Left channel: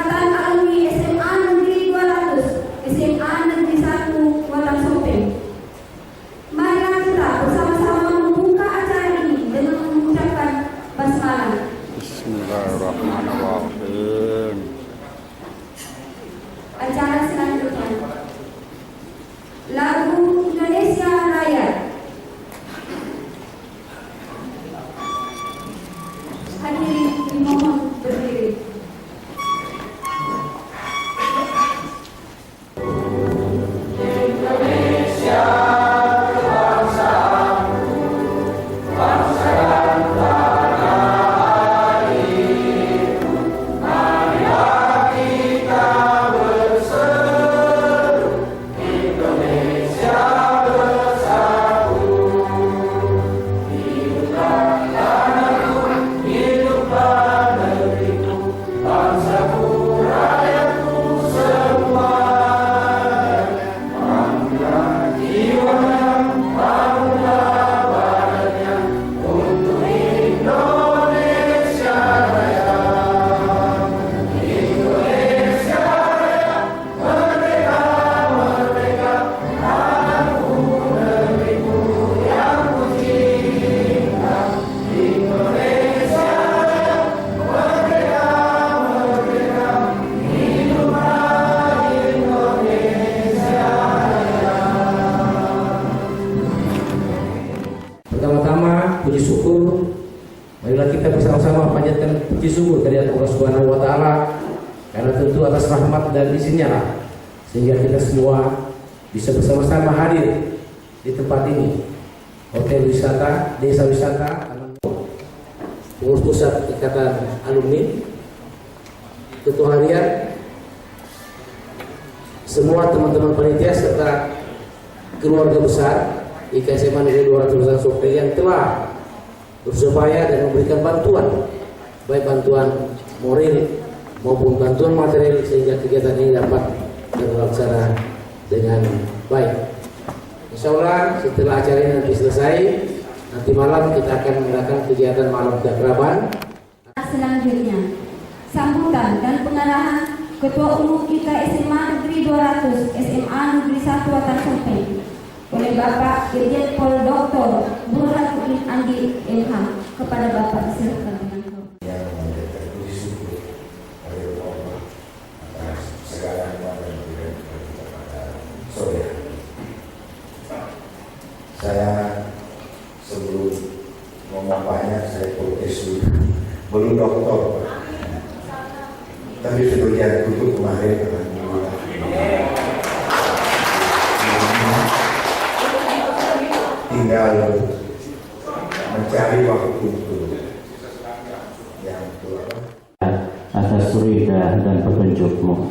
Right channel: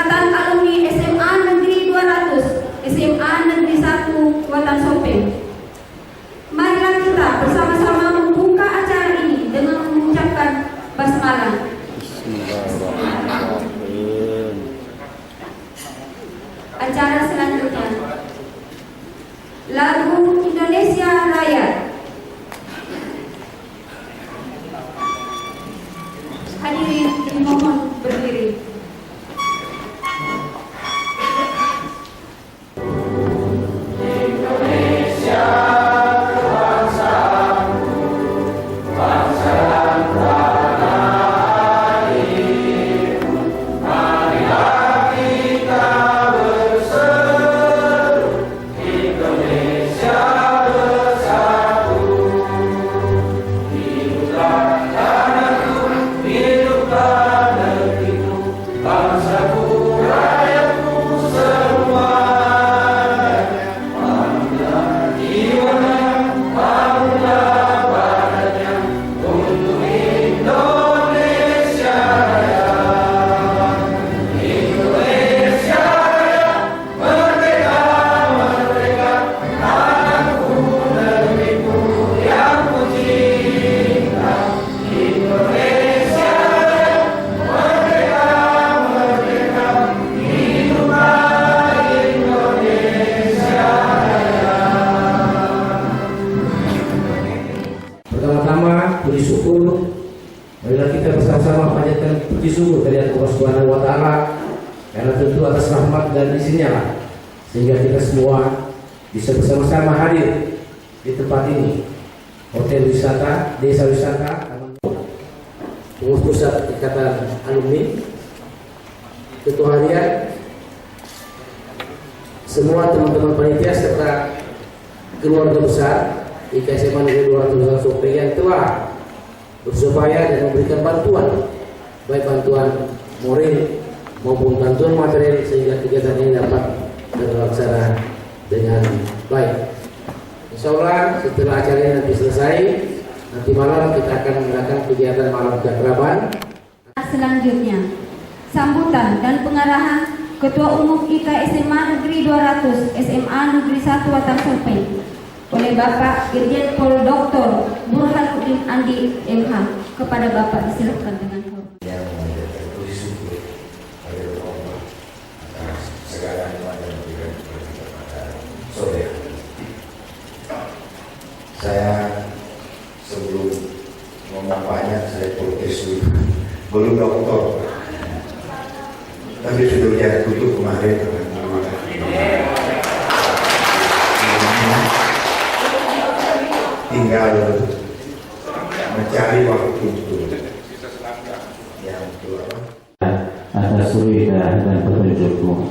Ikatan Alumni SMA Negeri 200, SMA Negeri 1 Kuala Sopeng. Marilah kita bersama-sama membuka acara ini dengan mengucapkan basmalah. Bismillahirrahmanirrahim. Acara selanjutnya, lagu Indonesia Raya. Hadirin dimohon berdiri. Pertama-tama puji syukur, marilah kita bersama-sama panjatkan puji syukur kepada Allah Subhanahu wa taala, karena tentu atas rahmat dan izinnya lah sehingga kita semua bisa bersama-sama hadir di tempat ini. Hotel wisata, desa wisata, pengurus pusat Ikatan Alumni, ketua harian, semua teman-teman panitia serta keluarga besar IKSMA Negeri 200 Sopeng yang telah berupaya dan memberikan bantuan, baik bantuan moral maupun bantuan material sehingga kegiatan ini dapat terlaksana dengan baik. Insya Allah setelah acara ini nanti selesai, nanti malam kita akan mengadakan kegiatan malam keakraban. Selanjutnya, sambutan dan pengarahan Ketua Umum IK SMA Negeri 200 SMA Negeri 1 Kuala Sopeng oleh Bapak Irjen Pol Dr. Burhanuddin Andi MH. Kepada Bapak disilakan dengan hormat. Yang tertulis syukur kepada Allah atas segala nikmat dan berikan kita pada sore hari. Saya sebelum ngomong banyak saya protes dulu, belum dokter, tapi sudah jadi tutup kemarin. Tinggal mencari waktu yang tua Atas surga dan petunjuk-Mu.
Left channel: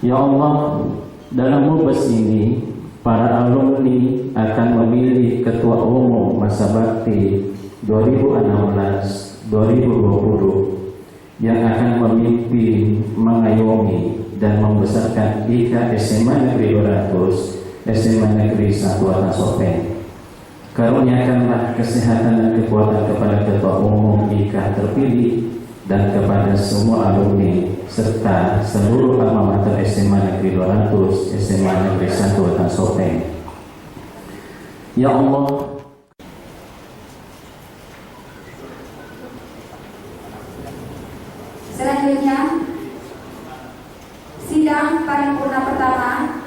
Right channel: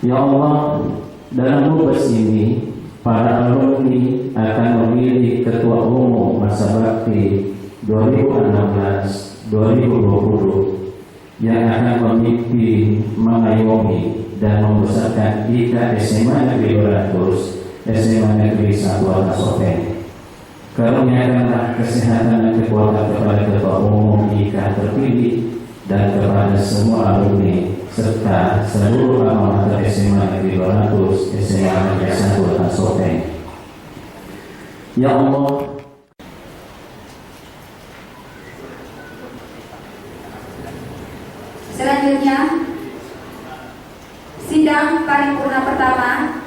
Ya Allah, dalam mubas ini para alumni akan memilih ketua umum masa bakti 2016-2020 yang akan memimpin, mengayomi dan membesarkan IK SMA Negeri 200 SMA Negeri 1 Kuala Sopeng. Karuniakanlah kesehatan dan kekuatan kepada ketua umum IK terpilih dan kepada semua alumni serta seluruh alma mater SMA Negeri 200 SMA Negeri 1 Kuala Sopeng. Ya Allah, Selanjutnya, sidang paripurna pertama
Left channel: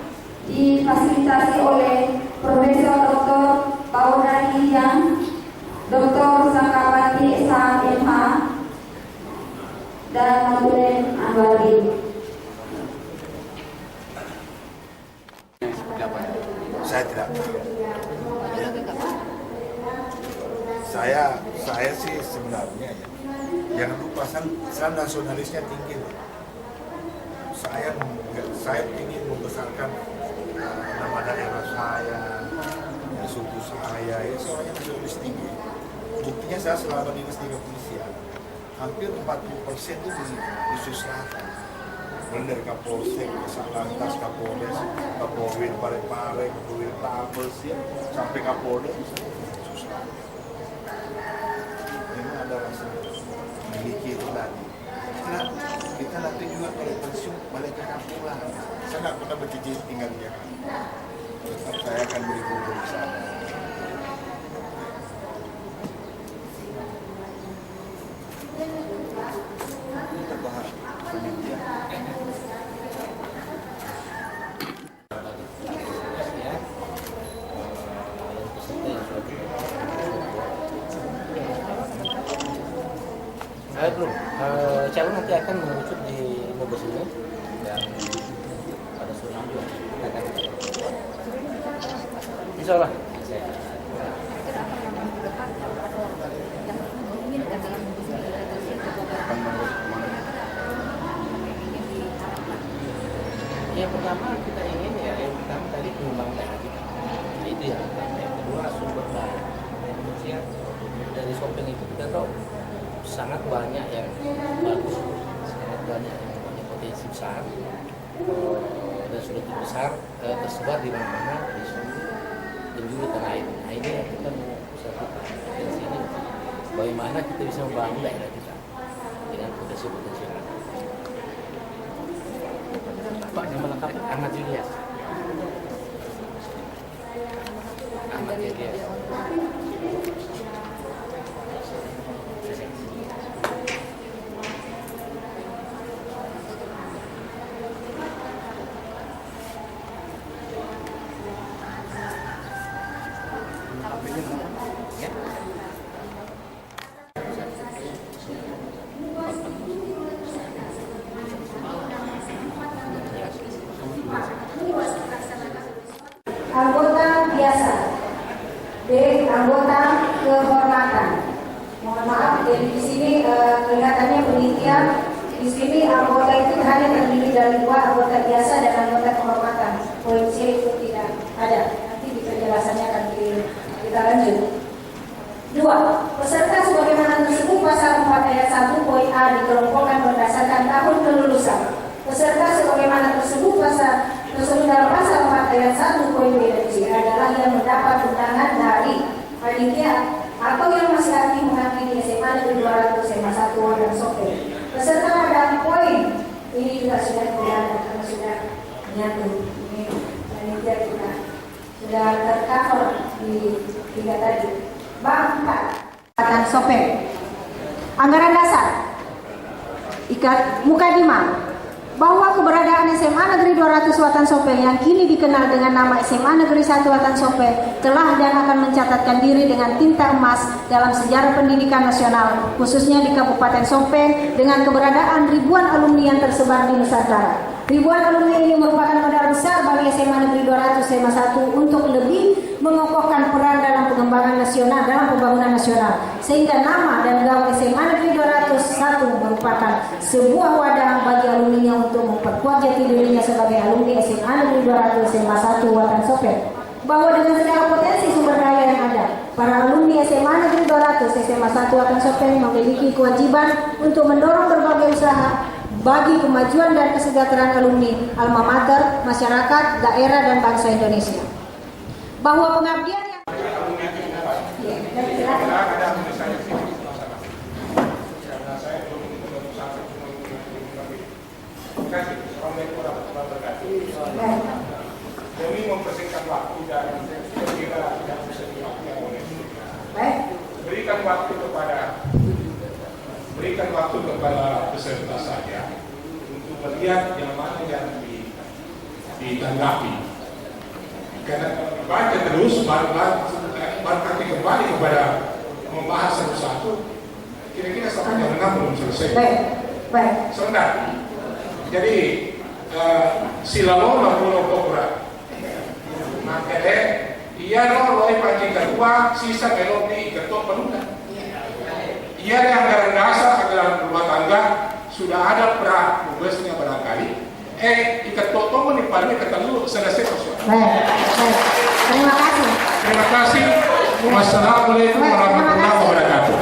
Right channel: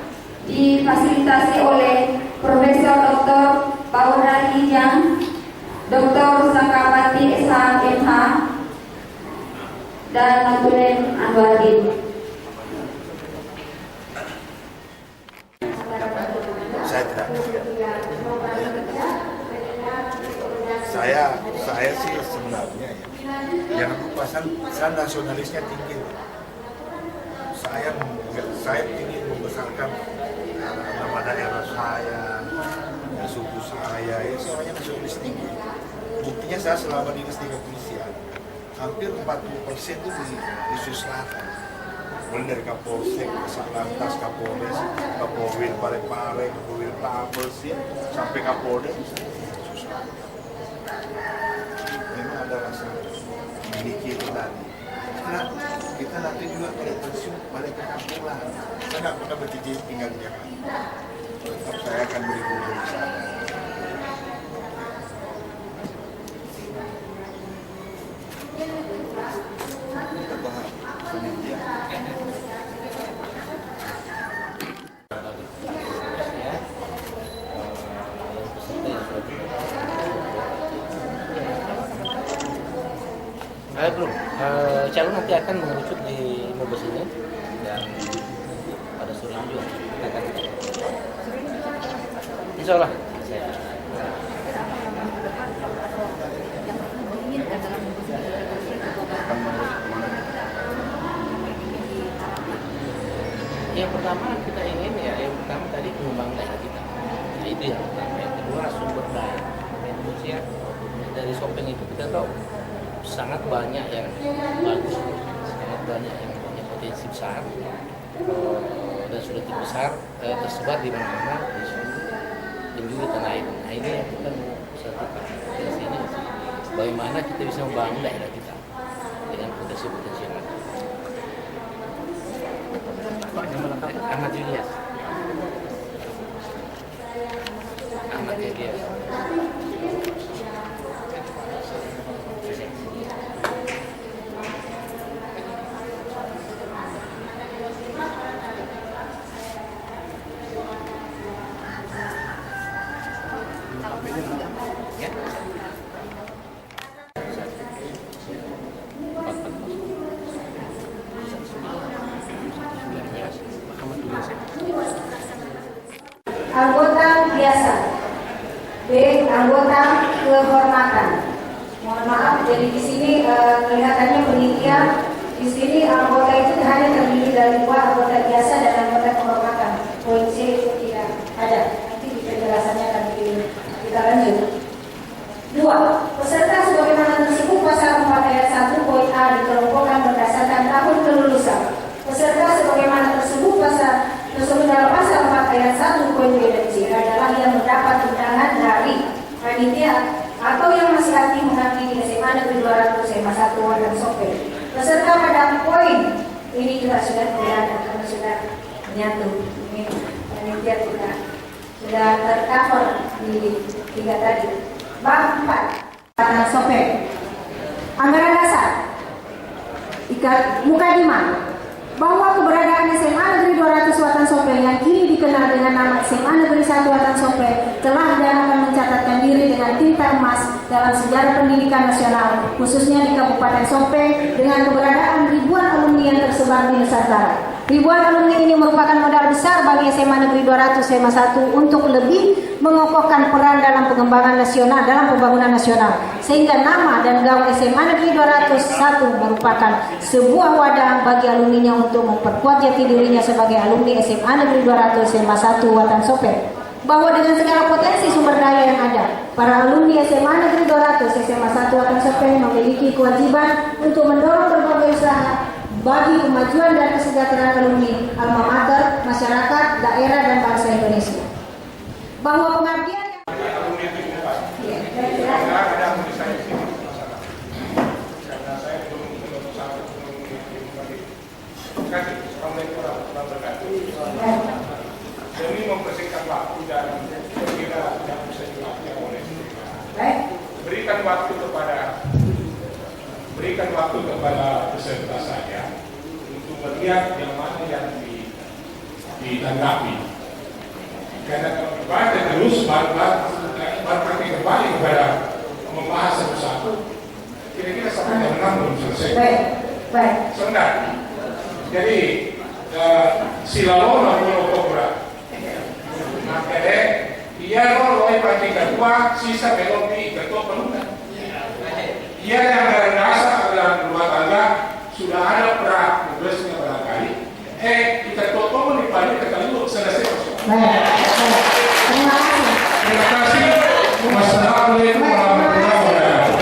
difasilitasi oleh Profesor Dr. Paula Hijang, Dr. Sangkapati SHMH, dan Notulen Anwarin. saya tidak. Saya sih sebenarnya ya, jangan lupa saya nasionalisnya tinggi. Saya ingin membesarkan nama daerah saya, suku saya, ya semuanya nasionalis tinggi. Buktinya saya selama dinas di kepolisian, hampir 40% itu di Sulawesi Selatan. Mulai dari Kapolsek, Satlantas, Kapolres, Kapolwil Parepare, Kapolwil Tabes, ya, sampai Kapolda, susah. Memang ada rasa memiliki itu tadi. Karena kita kan nanti juga kalau pensiun balik ke kampung lah. Saya nggak pernah berjanji tinggal di Jakarta. Tetap saya akan berguru di sana. Kita bahas panitia. Belum. Calon nanti akan mengerucut di Mabes ini dan pada sore ini juga kita akan. Insya Allah. Yang pertama kita ingin yang pertama tadi pengembangan daerah kita. Nah, itu yang pertama. Yang kedua sumber daya manusia dari Sopeng itu kita tahu sangat banyak yang bagus, sangat banyak yang punya potensi besar dan sudah besar tersebar di mana-mana di seluruh penjuru tanah air. Nah ini yang kita mau satukan potensi ini, bagaimana kita bisa membangun daerah kita dengan potensi-potensi yang ada. Pak, nama lengkap Ahmad Julias. Ahmad Julias. Anggota biasa, B. Anggota kehormatan. Mohon maaf, jadi di sini kelihatannya penelitian. Di sini anggota itu hanya terdiri dari 2 anggota biasa dan anggota kehormatan. Poin C itu tidak ada. Nanti di penjelasannya akan kita lanjut. 2. Peserta sebagaimana tersebut pasal 4 ayat 1 poin A dikelompokkan berdasarkan tahun kelulusan. Peserta sebagaimana tersebut dalam pasal 4 ayat 1 poin B dan C adalah yang mendapat undangan dari panitia atau yang masih aktif mengabdi di SMA Negeri 200 SMA 1 dan Sopeng. Peserta pada poin ini juga sudah kelihatan karena sudah menyatu. Ini panitia juga sudah tercover di 3 tadi. Bab 4 Sopeng. Anggaran dasar. Mukadimah bahwa keberadaan SMA Negeri 200 Watan Sopeng yang kini dikenal dengan nama SMA Negeri 1 Watan Sopeng telah dan akan mencatatkan diri dengan tinta emas dalam sejarah pendidikan nasional, khususnya di Kabupaten Sopeng dengan keberadaan ribuan alumni yang tersebar di Nusantara. Ribuan alumni ini merupakan modal besar bagi SMA Negeri 200 SMA 1 untuk lebih mengokohkan peran dalam pengembangan nasional dalam pembangunan nasional, sehingga nama dan gaung SMA Negeri 201 merupakan sebuah wadah bagi alumninya untuk memperkuat jati dirinya sebagai alumni SMA Negeri 200 SMA 1 Watan Sopeng. Bahwa dengan segala potensi sumber daya yang ada, para alumni SMA Negeri 200 SMA 1 Watan Sopeng memiliki kewajiban untuk mendorong berbagai usaha bagi kemajuan dan kesejahteraan alumni, alma mater, masyarakat, daerah, dan bangsa Indonesia. Bahwa pengabdian yang demi mempersingkat waktu dan kira tidak bisa dilakukan oleh berikan waktu kepada peserta saya untuk melihat yang mana yang ditanggapi. Karena kalau dibaca terus baru kembali kepada membahas satu-satu, kira-kira sampai jam 6 belum selesai. Baik. Sebentar. Jadi silaloma pulau Kopra. Makanya ia loloi pagi kedua, sisa belum di ketua pelukan. Ia yang anggaran dasar anggaran rumah tangga sudah ada pra-tugasnya barangkali. Di ketua menipanya ketemu selesai persoalan. Terima kasih. Terima kasih. Wassalamualaikum warahmatullahi wabarakatuh.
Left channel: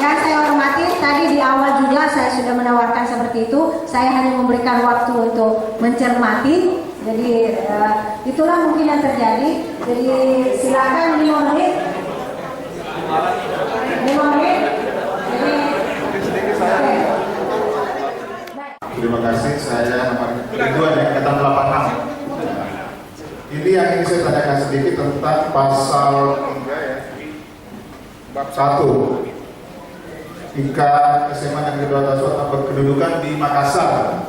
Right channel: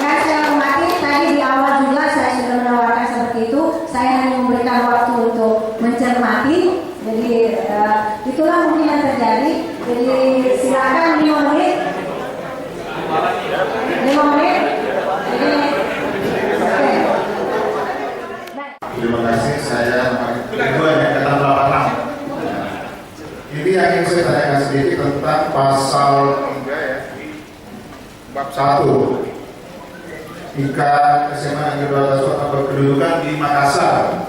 Yang saya hormati, tadi di awal juga saya sudah menawarkan seperti itu. Saya hanya memberikan waktu untuk mencermati. Jadi itulah mungkin yang terjadi. Jadi silakan 5 menit. 5 menit. Jadi, okay. Baik. Terima kasih. Saya nomor kedua ya, kata 86. Ini yang ingin saya tanyakan sedikit tentang pasal 3 ya, bab 1. Jika SMA Negeri 200 Kota berkedudukan di Makassar,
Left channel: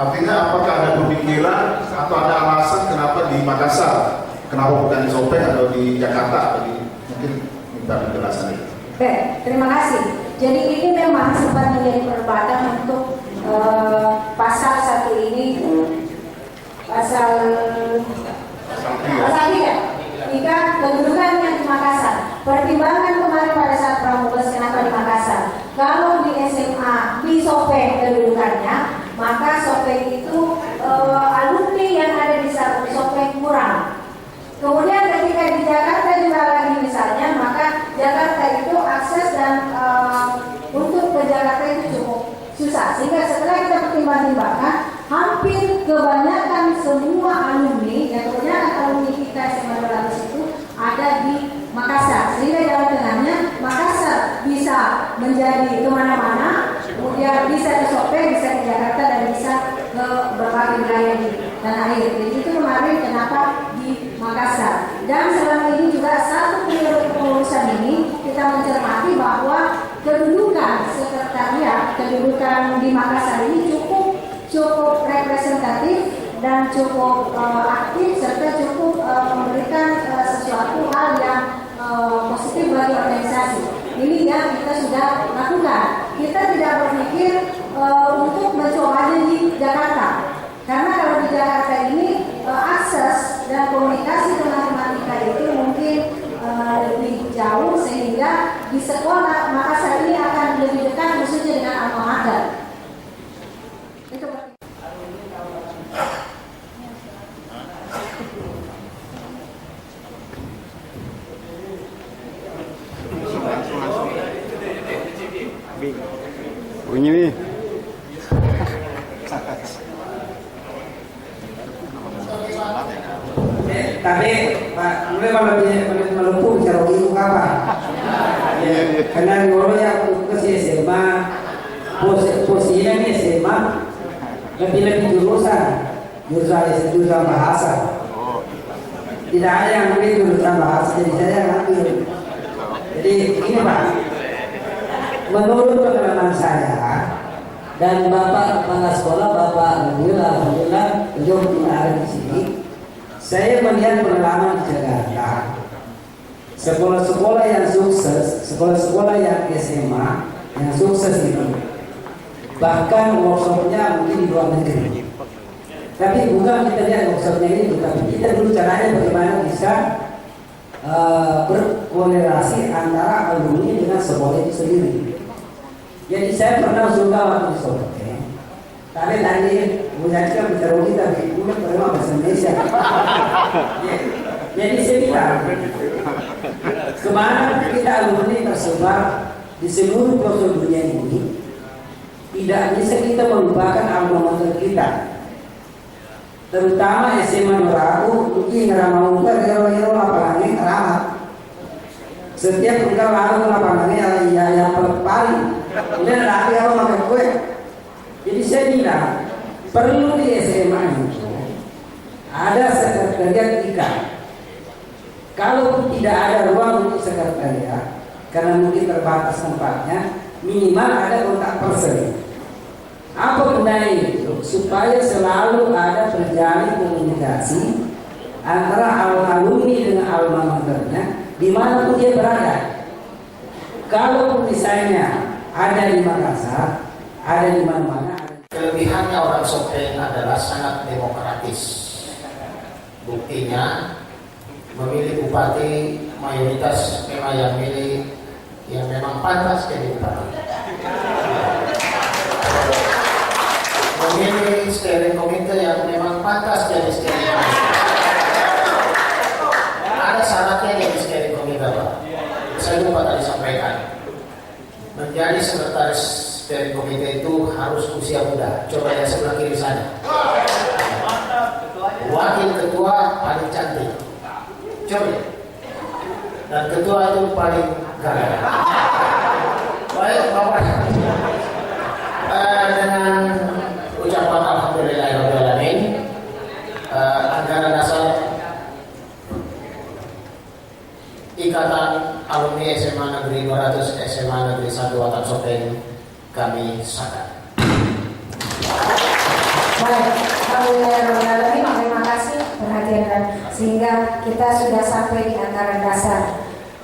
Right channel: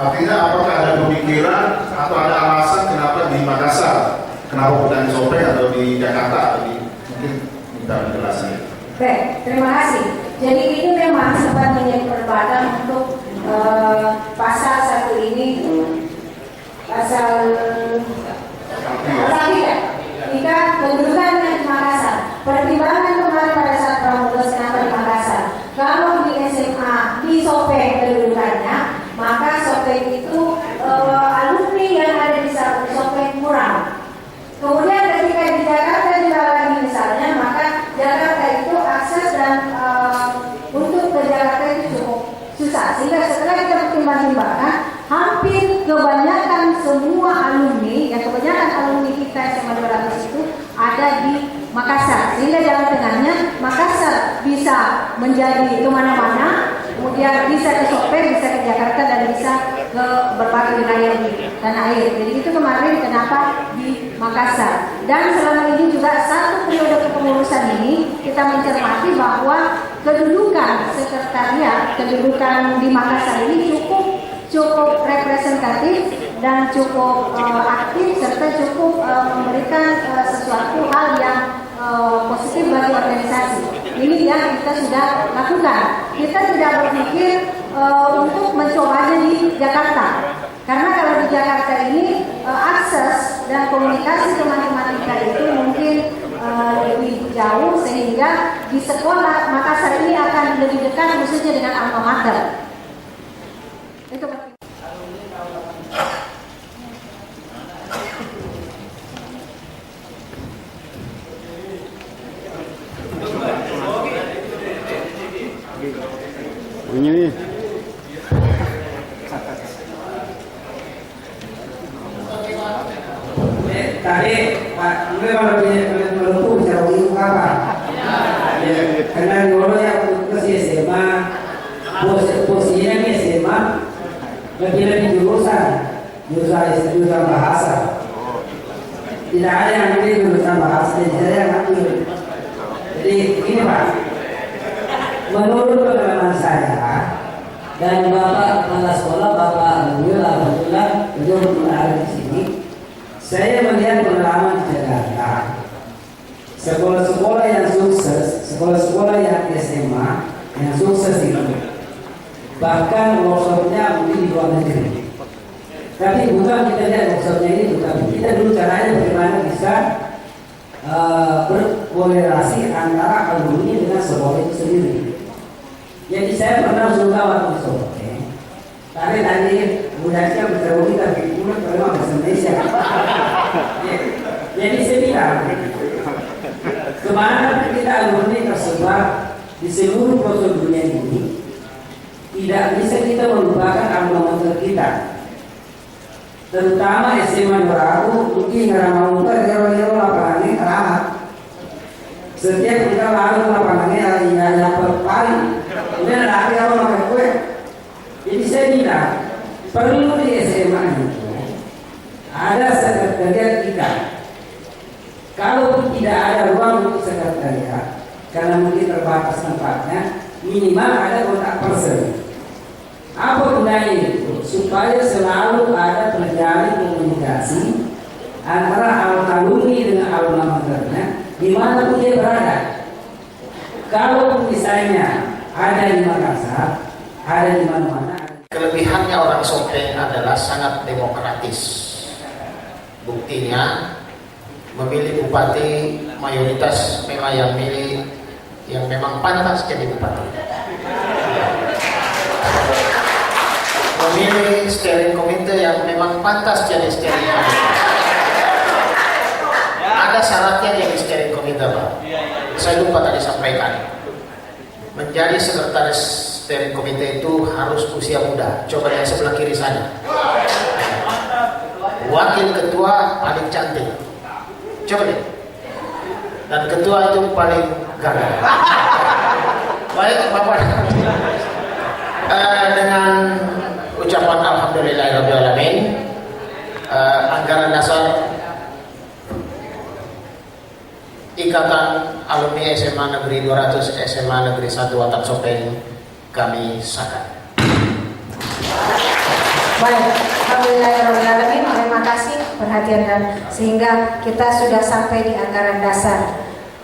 artinya apakah ada pemikiran atau ada alasan kenapa di Makassar? Kenapa bukan di Sopeng atau di Jakarta? Atau mungkin minta penjelasan itu. Oke, terima kasih. Jadi ini memang sempat menjadi perdebatan untuk pasal satu ini, pasal 3. Jika kedudukannya di Makassar, pertimbangan kemarin pada saat pramugas kenapa di Makassar? Kalau di SMA di Sopeng kedudukannya, maka Sopeng itu alumni yang ada di Sopeng kurang. Kemudian ketika di Jakarta juga lagi misalnya, maka Jakarta itu akses dan untuk ke Jakarta itu cukup susah. Sehingga setelah kita pertimbang-timbangkan, hampir kebanyakan semua alumni, kebanyakan alumni kita SMA 200 itu ada di Makassar. Sehingga jalan tengahnya Makassar bisa menjadi kemana-mana, kemudian bisa ke Sopeng, bisa ke Jakarta, dan bisa ke berbagai wilayah di tanah air. Jadi itu kemarin kenapa di Makassar. Dan selama ini juga satu periode kepengurusan ini kita mencermati bahwa kedudukan sekretariat, kedudukan di Makassar ini cukup representatif dan cukup aktif serta cukup memberikan sesuatu hal yang positif bagi organisasi. Ini yang kita sudah lakukan. Kita tidak berpikir untuk mencobanya di Jakarta, karena kalau di Jakarta ini akses dan komunikasi teman-teman kita itu mungkin lebih jauh, sehingga di sekolah Makassar ini akan lebih dekat khususnya dengan alma mater. Itu. Bunyi nih. Tadi Pak Andre malah melumpuh bicara itu apa? Karena dulu yang ke SMA, posisinya di SMA lebih jurusan bahasa. Tidak ada yang ambil jurusan bahasa, jadi saya yang ambil. Jadi ini Pak, menurut pengalaman saya dan Bapak kepala sekolah, Bapak alhamdulillah belum ada di sini. Saya melihat pengalaman di Jakarta, sekolah-sekolah yang sukses, sekolah-sekolah yang SMA yang sukses itu, bahkan workshopnya mungkin di luar negeri. Tapi bukan kita lihat workshopnya itu, tapi kita dulu caranya bagaimana bisa berkorelasi antara alumni dengan sekolah itu sendiri. Jadi saya pernah suka waktu di Sopeng. Tadi budaya bicara kita punya terima bahasa Indonesia. Jadi saya bilang, kemana kita alumni tersebar di seluruh pelosok dunia ini, tidak bisa kita melupakan alma mater kita. Terutama SMA Merabu, mungkin Ramauta, daerah-daerah lapangannya ramah. Setiap kita lalu lapangannya yang paling, kemudian ada yang makan kue. Jadi saya bilang, perlu di SMA itu ada sekretariat kita. Kalau tidak ada ruang untuk sekretariat, karena mungkin terbatas tempatnya, minimal ada kontak person. Apa gunanya itu? Supaya selalu ada terjalin komunikasi antara alumni dengan alma maternya, di mana pun dia berada. Kalau misalnya ada di Makassar, ada di mana-mana. Kelebihannya orang Sopeng adalah sangat demokratis. Buktinya memilih bupati mayoritas memang yang memang pantas jadi bupati. Memilih steering komite yang memang pantas jadi steering komite. Ada syaratnya jadi steering komite, Pak. Saya lupa tadi sampaikan. Menjadi sekretaris steering komite itu harus usia muda. Coba yang sebelah kiri sana. Wakil ketua paling cantik. Coba deh. Dan ketua itu paling gagah. Baik, Bapak. Dengan alumni SMA Negeri 200 SMA Negeri 1 Watan Sopeng kami sahkan. Baik, Alhamdulillahirrahmanirrahim. Terima kasih perhatian dan sehingga kita sudah sampai di anggaran dasar.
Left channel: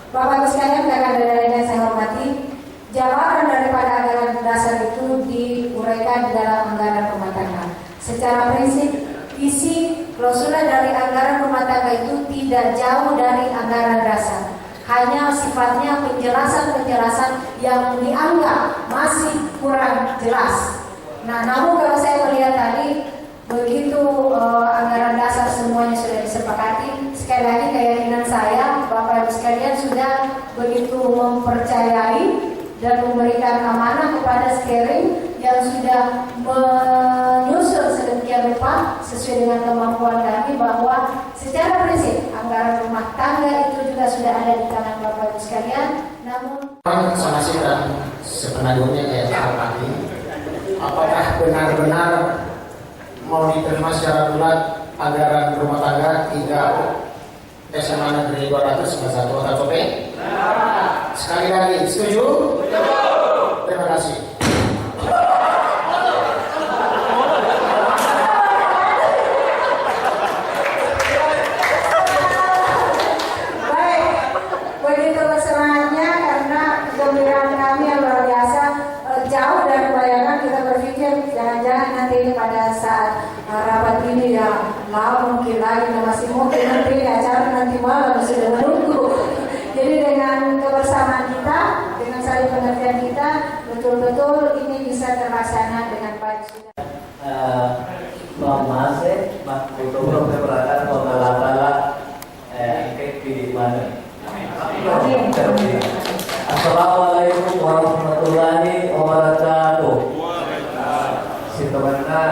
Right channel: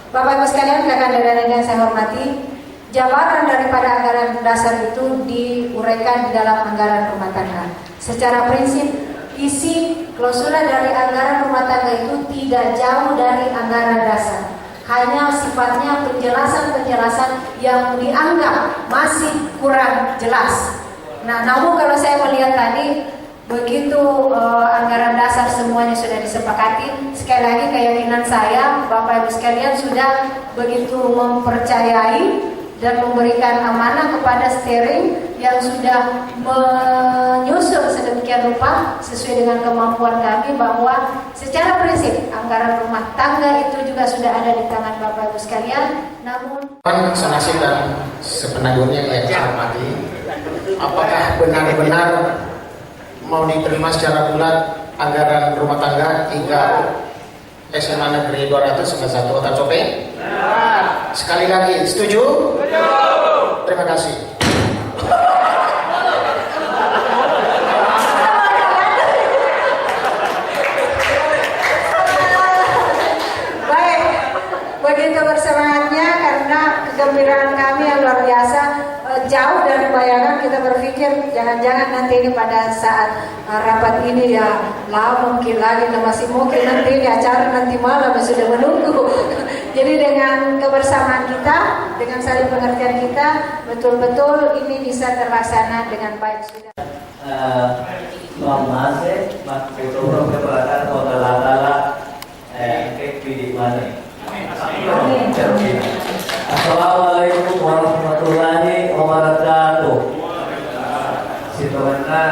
Bapak Ibu sekalian, rekan-rekan yang saya hormati, jabaran daripada anggaran dasar itu diuraikan di dalam anggaran rumah tangga. Secara prinsip, isi klausula dari anggaran rumah tangga itu tidak jauh dari anggaran dasar. Hanya sifatnya penjelasan-penjelasan yang dianggap masih kurang jelas. Nah, namun kalau saya melihat tadi begitu anggaran dasar semuanya sudah disepakati, sekali lagi keyakinan saya Bapak Ibu sekalian sudah begitu mempercayai dan memberikan amanah kepada steering yang sudah menyusun sedemikian rupa sesuai dengan kemampuan kami bahwa secara prinsip anggaran rumah tangga itu juga sudah ada di tangan Bapak Ibu sekalian. Namun Sonasi dan sepenagungnya yang saya hormati, apakah benar-benar mau diterima secara bulat anggaran rumah tangga hingga SMA Negeri 200 SMA 1 Watan Sopeng? Sekali lagi, setuju? Terima kasih. baik, begitu bersemangatnya karena kegembiraan kami yang luar biasa. Jauh dari bayangan kita berpikir jangan-jangan nanti ini pada saat rapat ini ya mungkin lagi masih mungkin nanti ini acara nanti malam sudah menunggu. Jadi dengan kebersamaan kita, dengan saling pengertian kita, betul-betul ini bisa terlaksana dengan baik sudah. Assalamualaikum warahmatullahi wabarakatuh. Si temannya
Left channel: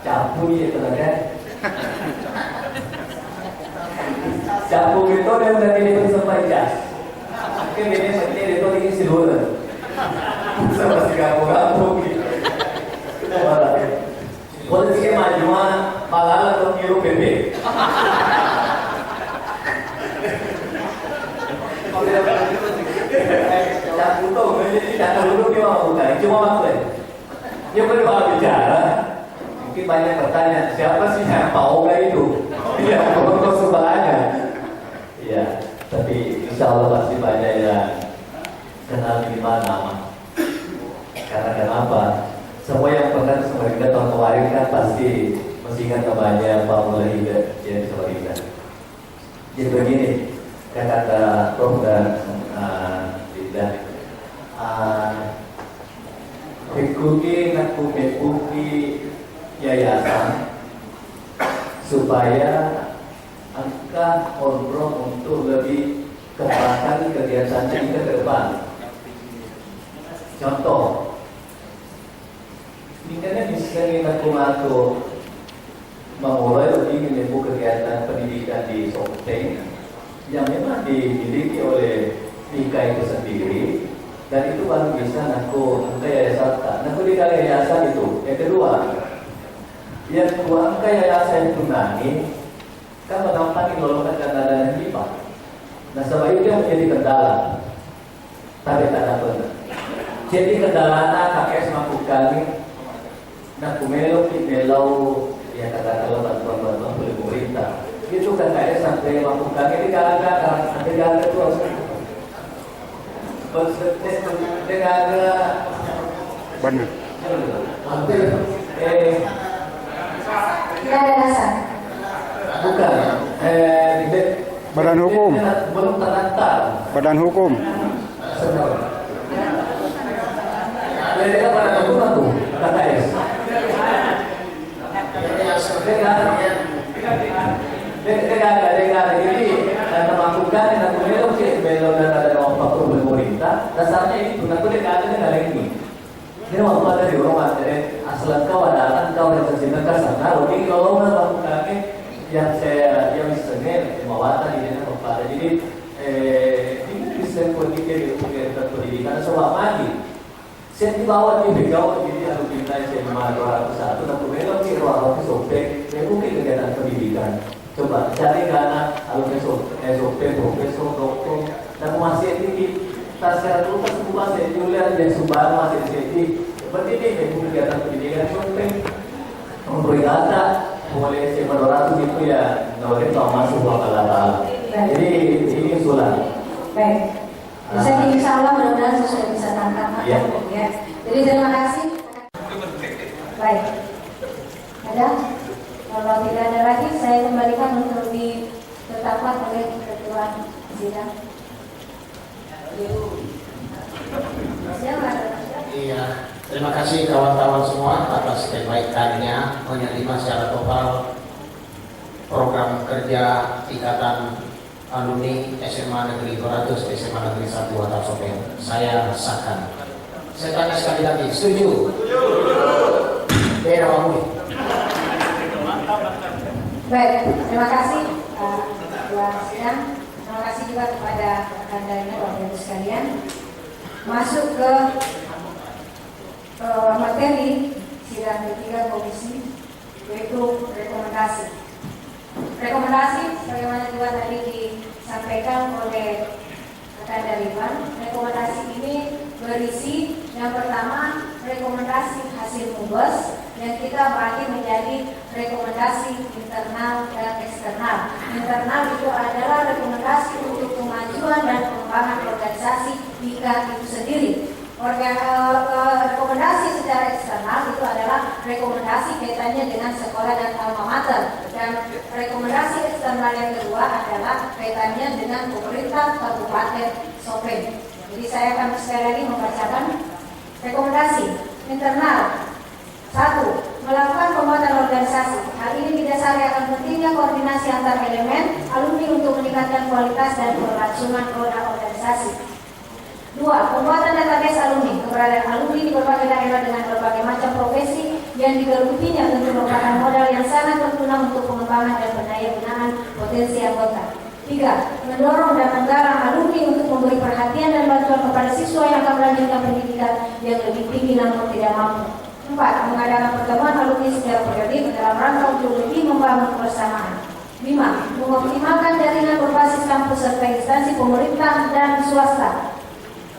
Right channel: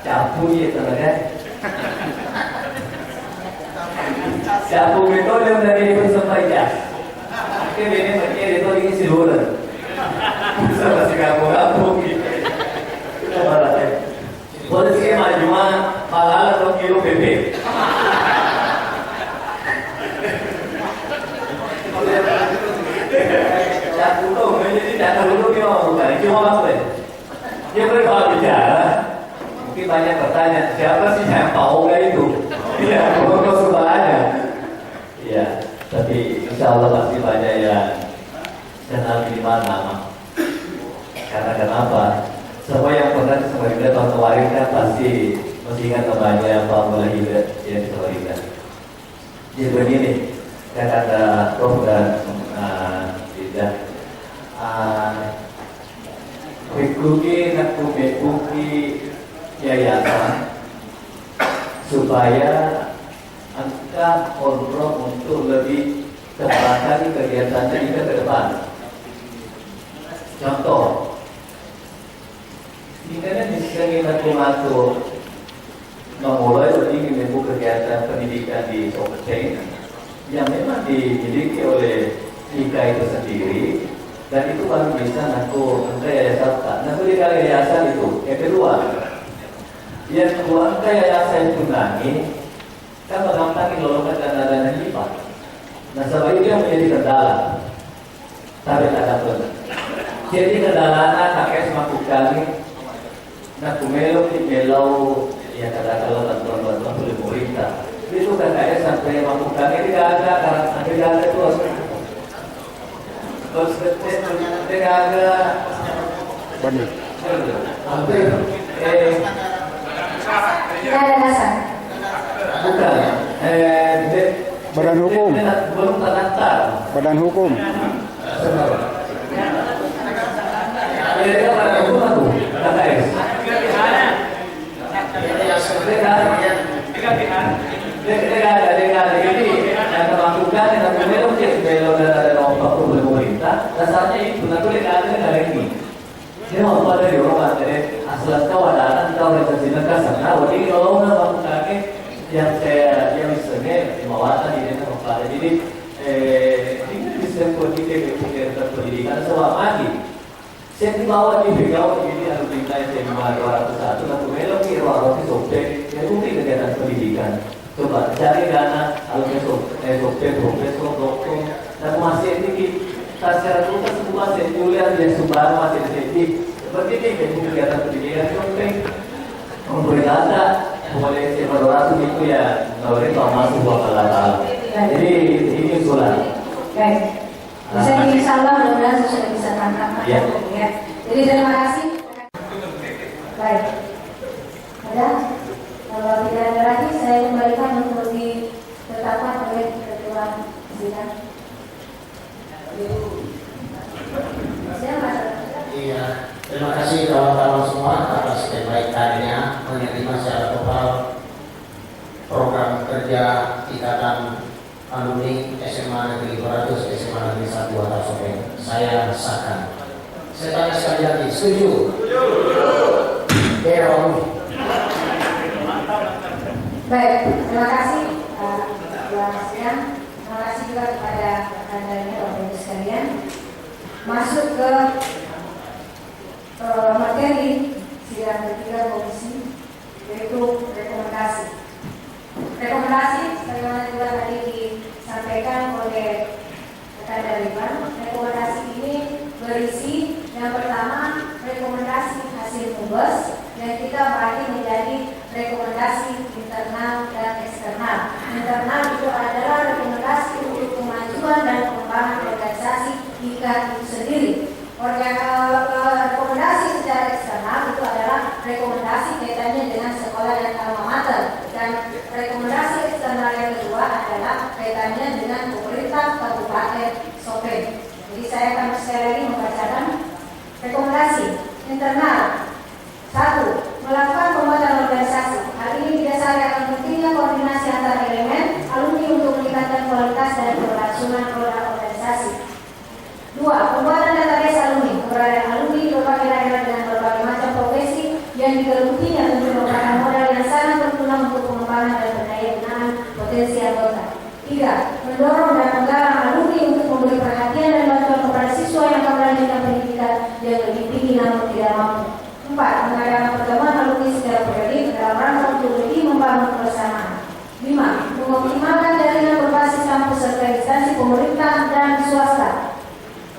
capu ya temannya. Capu itu yang dari persempayas. Mungkin ini macam itu ini siluran. Sama si kampung gitu. Boleh sih majuan malah atau kilo bebek. Capu tuh jadi data dulu dia bukan cuma apa? Dia berbagai bicara. Mungkin banyak pertanyaan siapa sih yang tahu itu? Iya, bukan semuanya. Iya, tapi insya Allah pasti banyak yang kenal minimal nama. Karena kenapa? Semua yang pernah Samarinda tahun kemarin kan pasti masih ingat namanya Pak Mulai Hida yang di Samarinda. Jadi begini, kan kata Prof dan Hida, Rikuki Nakuki yayasan supaya angka kontrol untuk lebih kembangkan kegiatannya kita ke depan. Contoh, jika bisa mengatur memulai lebih menyebut kegiatan pendidikan di Sopeng yang memang dimiliki oleh IKA itu sendiri, dan itu baru bisa ngaku angka yayasan. Ngaku di yayasan itu. Yang kedua angka yayasan tunani kan mengampani lolongan dana hibah. Nah sebab itu yang menjadi kendala. Tapi tak ada benar. Jadi kendala kakek mampu kami. Nah kumelo ya kata-kata bantuan oleh pemerintah. Itu kakek sampai mampu kami tidak ada karena tidak ada itu. Tidak ada. Benar. Hampir. Tidak ada dasar. Bukan. Badan hukum. Belum terdaftar. Badan hukum. Mereka badan hukum aku. KKS. Jadi yang melakukan yang belok dan ada lompat oleh pemerintah dasarnya itu nanti ada negara ini. Ini waktu ada di rumah jadi asal kau ada kau organisasi negara sana. Jadi kalau melakukan yang saya yang misalnya mawatan ini pada jadi ini bisa pendidikan pendidikan selama lagi. Saya dibawa di Bengkau ini harus diminta SMA 201 dan kemudian di ruang Sopeng yang mungkin kegiatan pendidikan. Coba cari dana alumni Sopeng, profesor, doktor dan masih tinggi dia sumbangan masih sedikit. Seperti ini, jadi kegiatan pendidikan penting. Memberi data, kemudian SMA 200 itu ya, kalau kita masuk bakal data. Jadi ini usulan. Baik. Bisa insya Allah mudah-mudahan sudah bisa tangkap. Iya. Ya. Jadi terima kasih. Baik. Ada? Kalau tidak ada lagi, saya kembalikan untuk ditetapkan oleh ketua sidang. Iya, terima kasih kawan-kawan semua atas kebaikannya menerima secara total program kerja Ikatan Alumni SMA Negeri 200 SMA Negeri 1 Watar Sopeng. Saya sahkan. Saya tanya sekali lagi, setuju? Setuju. Berong. Baik, terima kasih Ketua Sidang. Terima kasih juga kepada rekan-rekan Bapak Ibu sekalian. Masuk ke materi sidang ketiga komisi, yaitu rekomendasi. Rekomendasi sebagaimana juga tadi disampaikan oleh rekan Dariban. Rekomendasi ini berisi yang pertama rekomendasi hasil MUBES yang kita bagi menjadi rekomendasi internal dan eksternal. Internal itu adalah rekomendasi untuk kemajuan dan pengembangan organisasi IKA itu sendiri. Rekomendasi secara eksternal itu adalah rekomendasi kaitannya dengan sekolah dan alma mater, dan rekomendasi eksternal yang kedua adalah kaitannya dengan pemerintah Kabupaten Sopeng. Jadi saya akan sekali lagi membacakan rekomendasi internal. 1. Melakukan pembuatan organisasi. Hal ini didasari akan pentingnya koordinasi antar elemen alumni untuk meningkatkan kualitas dan keberlangsungan roda organisasi. 2. Pembuatan database alumni. Keberadaan alumni di berbagai daerah dengan berbagai macam profesi yang digelutinya tentu merupakan modal yang sangat berguna untuk pengembangan dan pendayagunaan potensi anggota. 3. Mendorong dan menggalang alumni untuk memberi perhatian dan bantuan kepada siswa yang akan melanjutkan pendidikan yang lebih tinggi namun tidak mampu. 4. Mengadakan pertemuan alumni secara periodik dalam rangka untuk lebih membangun kebersamaan. 5. Mengoptimalkan jaringan berbasis kampus serta instansi pemerintah dan swasta.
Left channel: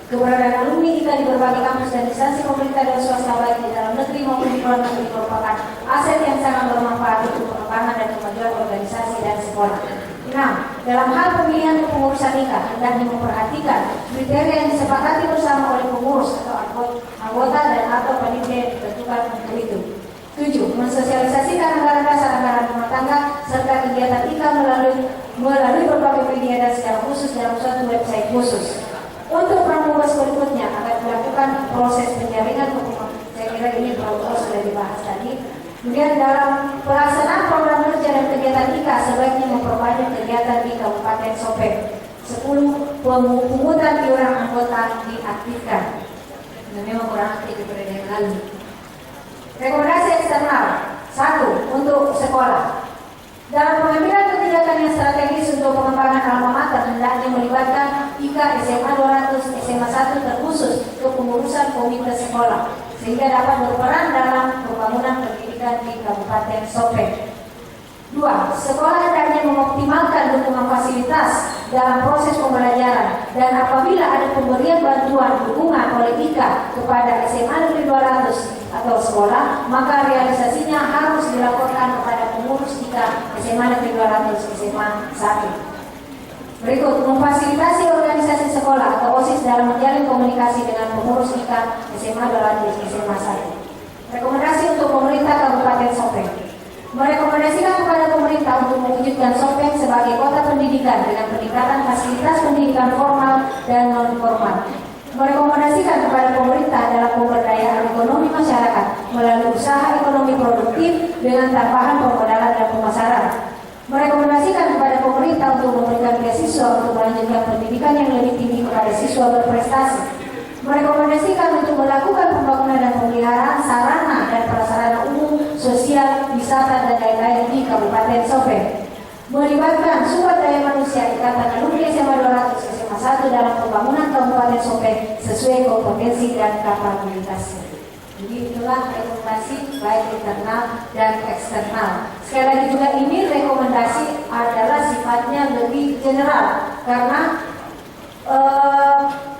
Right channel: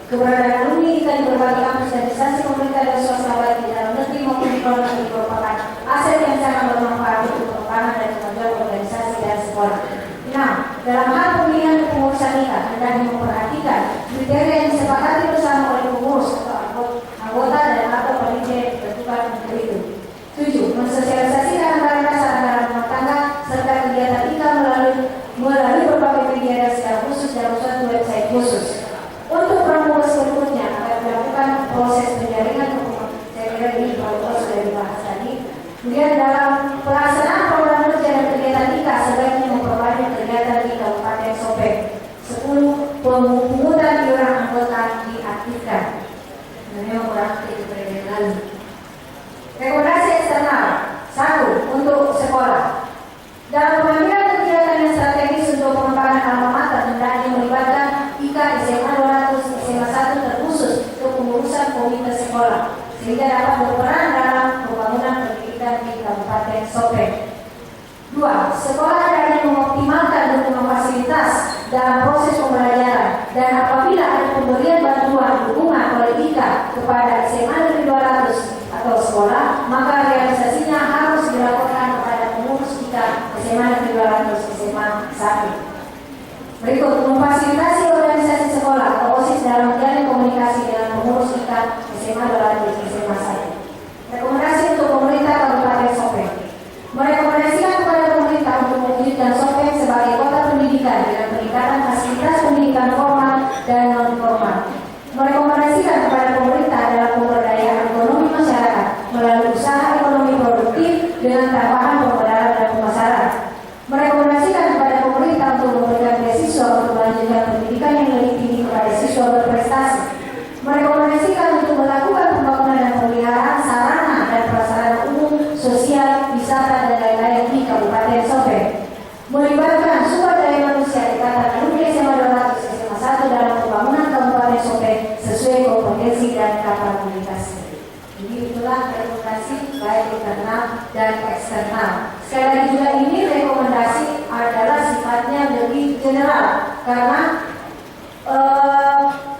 Keberadaan alumni kita di berbagai kampus dan instansi pemerintah dan swasta baik di dalam negeri maupun di luar negeri merupakan aset yang sangat bermanfaat untuk pengembangan dan kemajuan organisasi dan sekolah. 6. Dalam hal pemilihan kepengurusan IKA, hendaknya memperhatikan kriteria yang disepakati bersama oleh pengurus atau anggota dan atau panitia yang ditentukan untuk itu. 7. Mensosialisasikan anggaran dasar, anggaran rumah tangga serta kegiatan IKA melalui berbagai media dan secara khusus dalam suatu website khusus. Untuk proses berikutnya akan dilakukan proses penjaringan hukum. Saya kira ini kalau sudah dibahas tadi. Kemudian dalam pelaksanaan program kerja dan kegiatan IKA sebaiknya memperbanyak kegiatan di Kabupaten Sopeng. 10. Pemungutan iuran anggota diaktifkan. Dan memang kurang aktif pada yang lalu. Rekomendasi eksternal. 1. Untuk sekolah. Dalam pengambilan kebijakan yang strategis untuk pengembangan alma mater hendaknya melibatkan IKA SMA 200 SMA 1 terkhusus untuk pengurusan komite sekolah sehingga dapat berperan dalam pembangunan pendidikan di Kabupaten Sopeng. 2. Sekolah hendaknya mengoptimalkan dukungan fasilitas dalam proses pembelajaran dan apabila ada pemberian bantuan dukungan oleh IKA kepada SMA Negeri 200 atau sekolah, maka realisasinya harus dilaporkan kepada pengurus IKA SMA Negeri 200 SMA 1. Berikut, memfasilitasi organisasi sekolah atau OSIS dalam menjalin komunikasi dengan pengurus IKA SMA 200 SMA 1. Rekomendasi untuk pemerintah Kabupaten Sopeng. Merekomendasikan kepada pemerintah untuk mewujudkan Sopeng sebagai kota pendidikan dengan peningkatan fasilitas pendidikan formal dan non formal. Merekomendasikan kepada pemerintah dalam pemberdayaan ekonomi masyarakat melalui usaha ekonomi produktif dengan tambahan permodalan dan pemasaran. Merekomendasikan kepada pemerintah untuk memberikan beasiswa untuk melanjutkan pendidikan yang lebih tinggi kepada siswa berprestasi. Merekomendasikan untuk melakukan pembangunan dan pemeliharaan sarana dan prasarana umum, sosial, wisata, dan lain-lain di Kabupaten Sopeng. Melibatkan sumber daya manusia Ikatan Alumni SMA 200 SMA 1 dalam pembangunan Kabupaten Sopeng sesuai kompetensi dan kapabilitasnya. Jadi itulah rekomendasi baik internal dan eksternal. Sekali lagi juga ini rekomendasi adalah sifatnya lebih general karena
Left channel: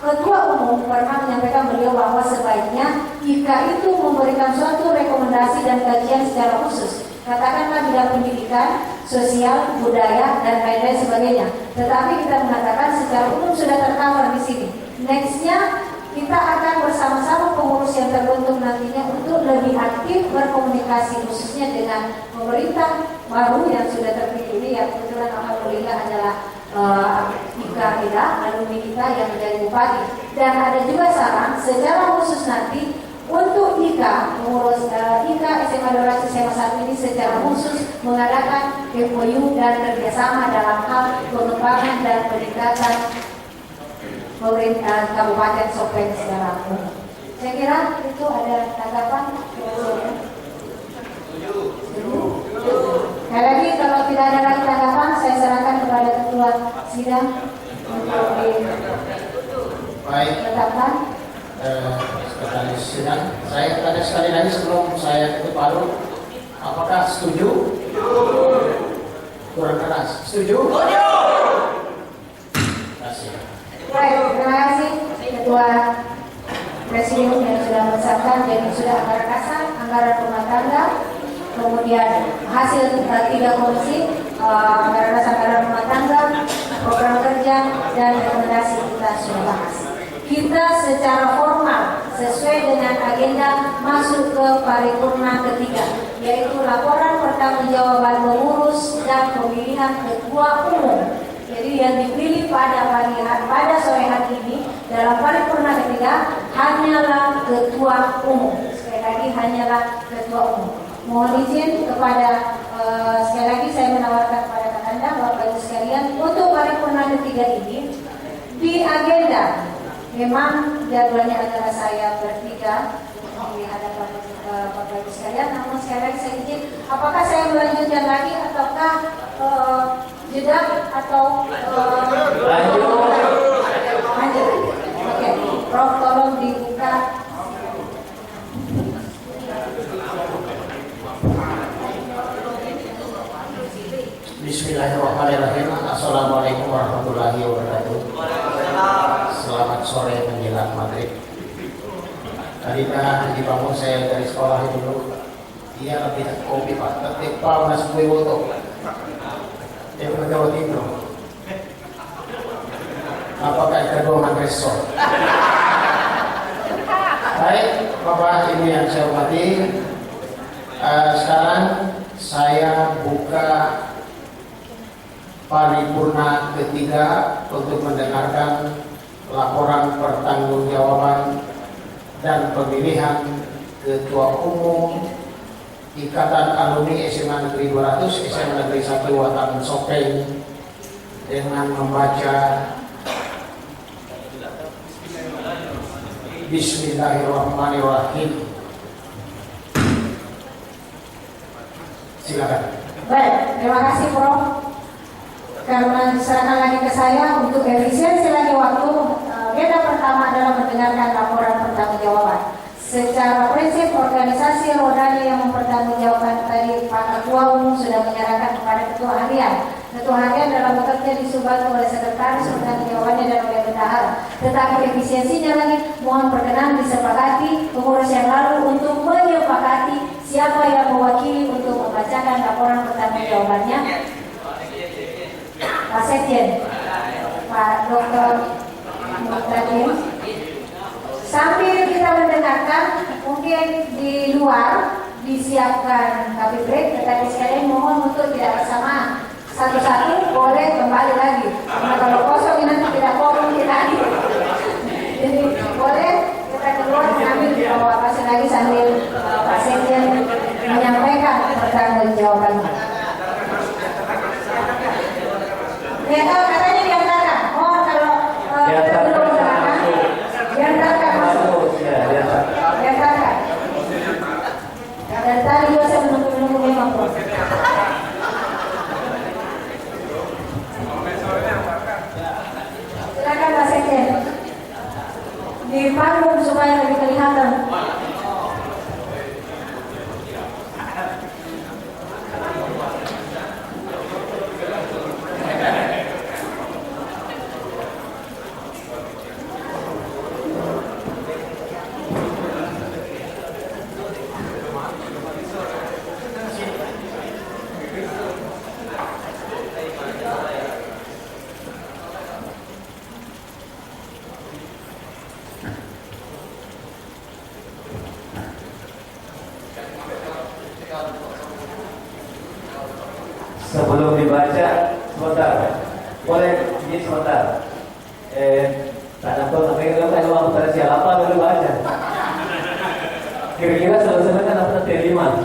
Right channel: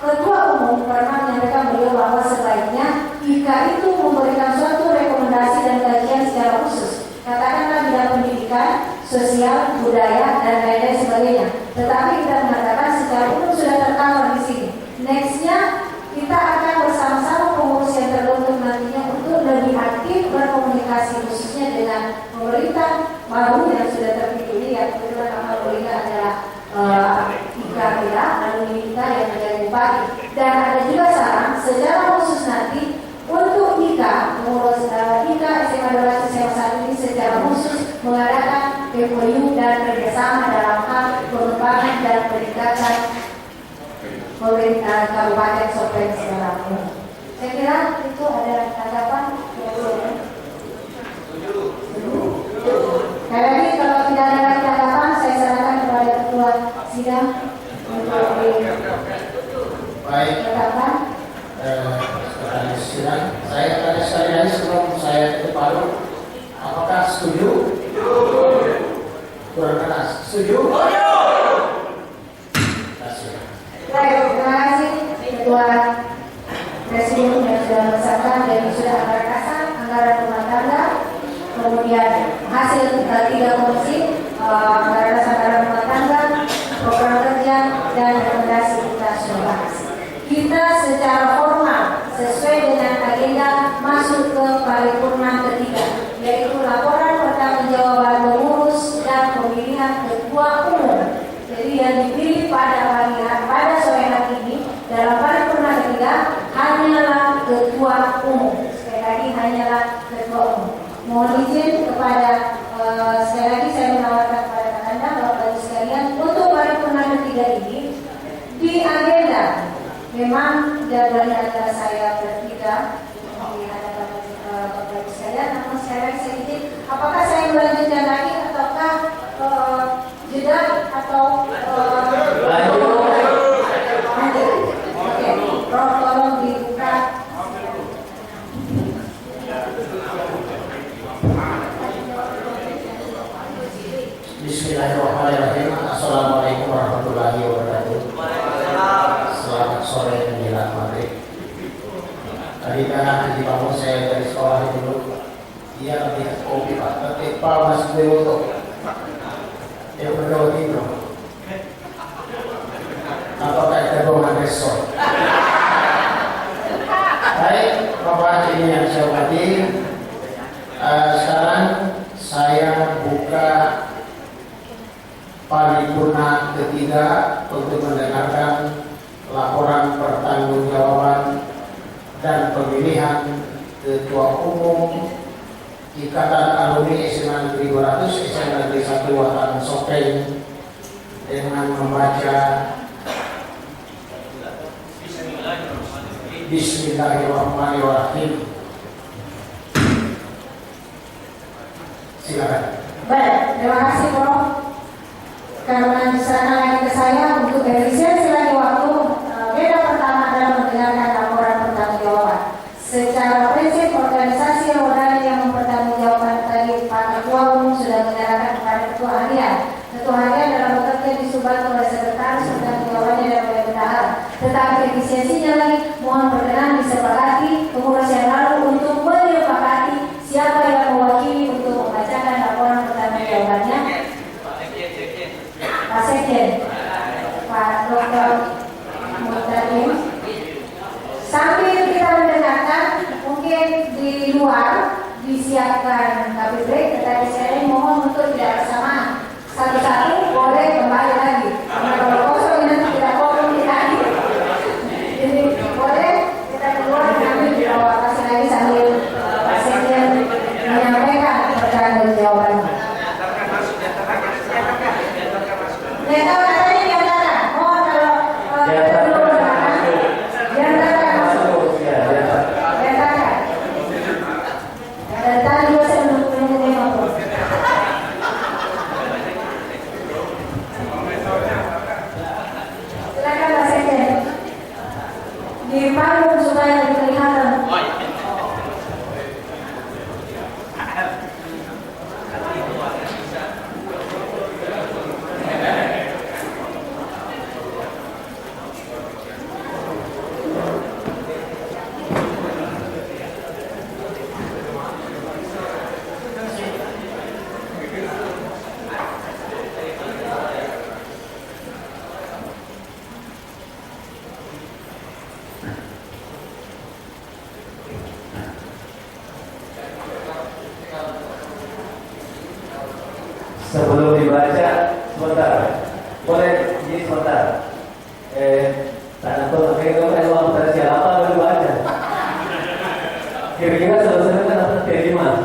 Ketua Umum pernah menyampaikan beliau bahwa sebaiknya IKA itu memberikan suatu rekomendasi dan kajian secara khusus, katakanlah bidang pendidikan, sosial, budaya, dan lain-lain sebagainya. Tetapi kita mengatakan secara umum sudah tercover di sini. Nextnya kita akan bersama-sama pengurus yang terbentuk nantinya untuk lebih aktif berkomunikasi khususnya dengan pemerintah baru yang sudah terpilih, yang kebetulan alhamdulillah adalah IKA kita, alumni kita yang menjadi bupati. Dan ada juga saran secara khusus nanti untuk IKA, pengurus IKA SMA 200 SMA 1 ini secara khusus mengadakan MOU dan kerjasama dalam hal pengembangan dan peningkatan pemerintah Kabupaten Sopeng secara umum. Saya kira itu ada tanggapan. Sekali lagi kalau tidak ada lagi tanggapan, saya serahkan kepada ketua sidang untuk ditetapkan. Pertanyaan sidang, saya tanya sekali lagi sebelum saya tutup palu, apakah setuju? Kurang keras, setuju? Baik, terima kasih Ketua Presiden yang sudah mensahkan dan sudah anggaran dasar, anggaran rumah tangga, kemudian hasil 3 komisi, anggaran dasar, anggaran rumah tangga, program kerja, dan rekomendasi kita sudah bahas. Kita secara formal sesuai dengan agenda masuk ke paripurna ketiga, yaitu laporan pertanggungjawaban pengurus dan pemilihan ketua umum. Jadi yang dipilih pada sore hari ini dalam paripurna ketiga hanyalah ketua umum. Sekali lagi hanyalah ketua umum. Mohon izin kepada sekali lagi saya menawarkan kepada Anda Bapak Ibu sekalian untuk paripurna ketiga ini di agenda. Memang jadwalnya adalah saya bertiga di hadapan Bapak Ibu sekalian. Namun sekali lagi saya izin, apakah saya melanjutkan lagi ataukah jeda atau lanjut? Oke, Prof tolong dibuka. Bismillahirrahmanirrahim. Assalamualaikum warahmatullahi wabarakatuh. Selamat sore menjelang maghrib. Tadi kan dibangun saya dari sekolah dulu. Dia lebih kopi pak, tapi pak masih bewoto. Dia bergaul itu. Apakah kita doang agresor? Baik, Bapak ini yang saya hormati. Sekarang saya buka paripurna ketiga untuk mendengarkan laporan pertanggungjawaban dan pemilihan ketua umum Ikatan Alumni SMA Negeri 200 SMA Negeri 1 Watan Sopeng dengan membaca Bismillahirrahmanirrahim. Silakan. Baik, terima kasih Prof. Karena diserahkan lagi ke saya untuk efisiensi lagi waktu. Agenda pertama adalah mendengarkan laporan pertanggungjawaban. Secara prinsip organisasi rodanya yang mempertanggungjawabkan tadi Pak Ketua Umum sudah menyerahkan kepada Ketua Harian. Ketua Harian dalam bekerja disubat oleh sekretaris pertanggungjawabannya dan oleh bendahara. Tetapi efisiensinya lagi mohon berkenan disepakati pengurus yang lalu untuk menyepakati siapa yang mewakili untuk membacakan laporan pertanggungjawabannya. Pak Sekjen, Pak Dr. Muhtadin. Sambil kita mendengarkan, mungkin di luar disiapkan kopi break, tetapi sekalian mohon untuk tidak bersamaan. Satu-satu boleh kembali lagi. Karena kalau kosong nanti tidak kosong lagi. Jadi boleh kita keluar mengambil di bawah kasih lagi sambil Pak Sekjen menyampaikan pertanggungjawabannya. Ya kalau katanya diantarkan, mohon kalau belum diantarkan masuk. Diantarkan. Dan tadi juga saya menunggu memang Prof. Silakan Pak Sekjen. Di panggung supaya lebih kelihatan. Sebelum dibaca, sebentar. Boleh ini sebentar. Tak tahu pakai itu kan uang pada siapa baru baca. Kira-kira selesai kan apa terima?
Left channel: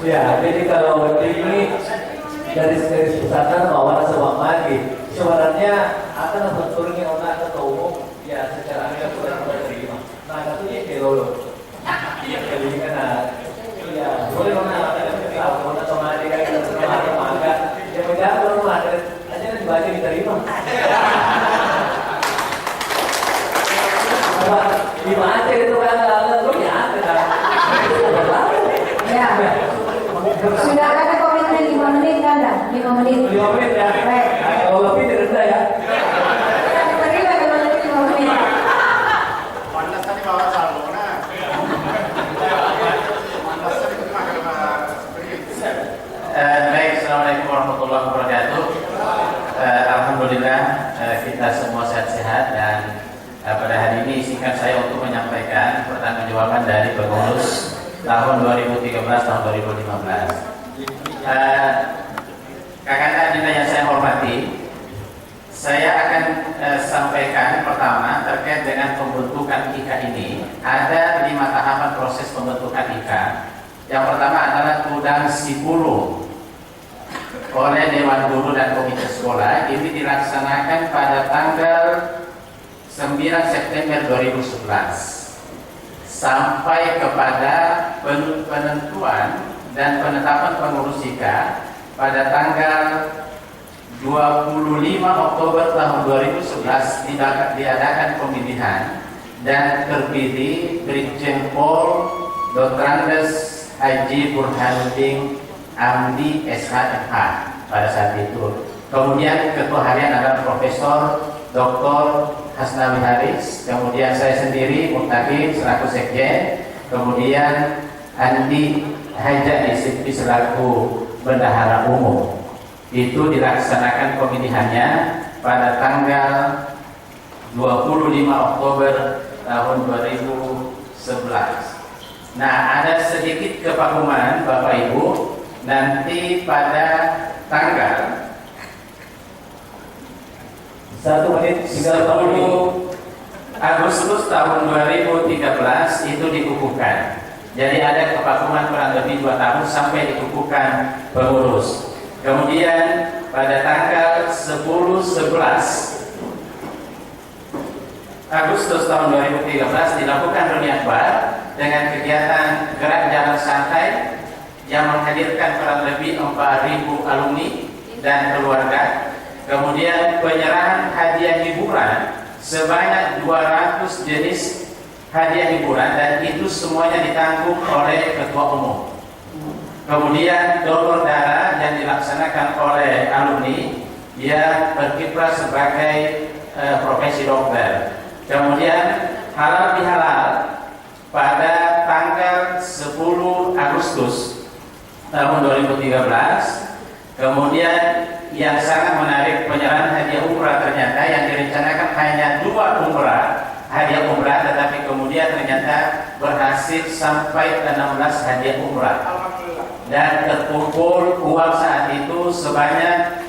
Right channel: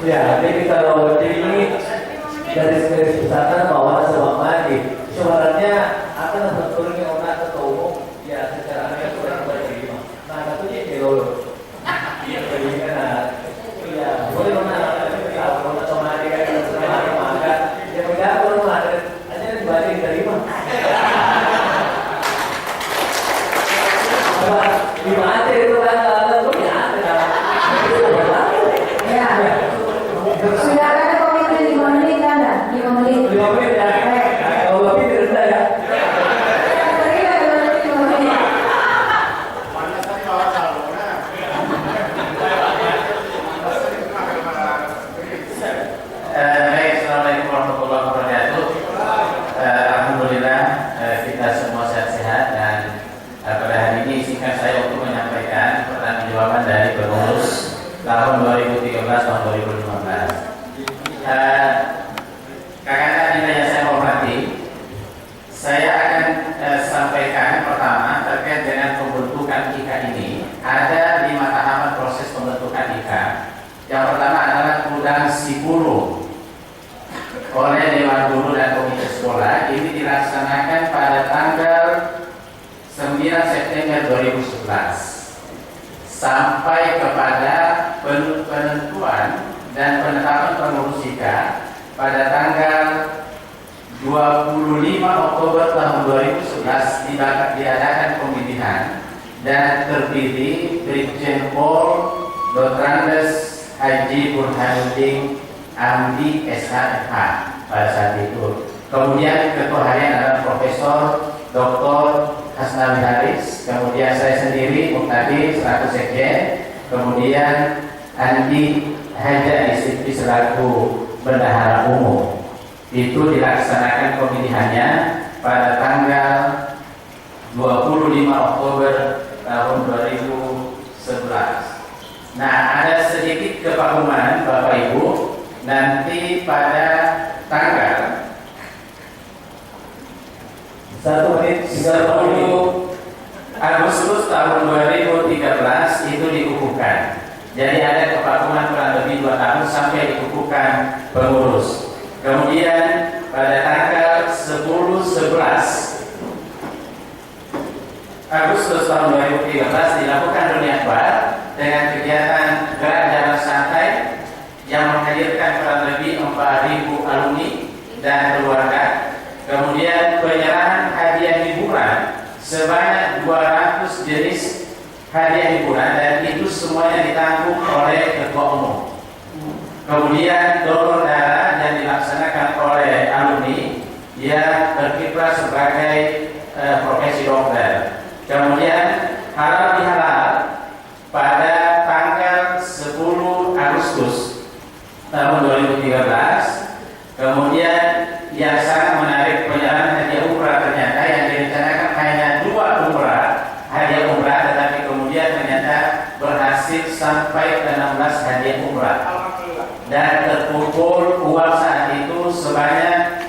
Ya, jadi kalau ini garis-garis besar bahwa sebab mati sebenarnya akan sebetulnya orang atau umum ya secara mereka sudah terima. Nah, satunya kalau jadi kan ya boleh mana kalau otomatis kan sebenarnya maka ya beda kalau ada aja dibaca diterima. Dibaca itu kan kalau ya Ya. Sudah ada komitmen 5 menit kan? 5 menit. 5 menit ya. Kalau lebih tidak ya. Terima kasih 5 menit. Baik, assalamualaikum warahmatullahi wabarakatuh. Alhamdulillah kita semua sehat-sehat dan pada hari ini izinkan saya untuk menyampaikan pertanggungjawaban dari pengurus tahun 2013 tahun 2015. Kakak-kakak Dinda yang saya hormati, saya akan sampaikan pertama terkait dengan pembentukan IKA ini. Ada 5 tahapan proses pembentukan IKA. Yang pertama adalah undang Sipulu oleh Dewan Guru dan Komite Sekolah. Ini dilaksanakan pada tanggal 9 September 2011 sampai kepada penentuan dan penetapan pengurus IKA pada tanggal 25 Oktober tahun 2011 diadakan pemilihan dan terpilih Brigjen Pol Dr. Haji Burhanuddin Amdi SHMH pada saat itu. Kemudian ketua harian adalah Profesor Dr. Hasnawi Haris, kemudian saya sendiri Muktadir selaku sekjen, kemudian Andi Haja Disipli selaku bendahara umum. Itu dilaksanakan pemilihannya pada tanggal 25 Oktober tahun 2011. Nah, ada sedikit kepahuman Bapak Ibu, nanti pada tanggal 1 menit 10 Agustus tahun 2013 itu dikukuhkan. Jadi ada kevakuman kurang lebih 2 tahun sampai dikukuhkan pengurus. Kemudian pada tanggal 10-11 Agustus tahun 2013 dilakukan reuni akbar dengan kegiatan gerak jalan santai yang menghadirkan kurang lebih 4.000 alumni dan keluarga. Kemudian penyerahan hadiah hiburan sebanyak 200 jenis hadiah hiburan dan itu semuanya ditanggung oleh ketua umum. Kemudian donor darah yang dilaksanakan oleh alumni yang berkiprah sebagai profesi dokter. Kemudian halal bihalal pada tanggal 10 Agustus tahun 2013. Kemudian yang sangat menarik penyerahan hadiah umrah, ternyata yang direncanakan hanya 2 umrah hadiah umrah, tetapi kemudian ternyata berhasil sampai 16 hadiah umrah dan terkumpul uang saat itu sebanyak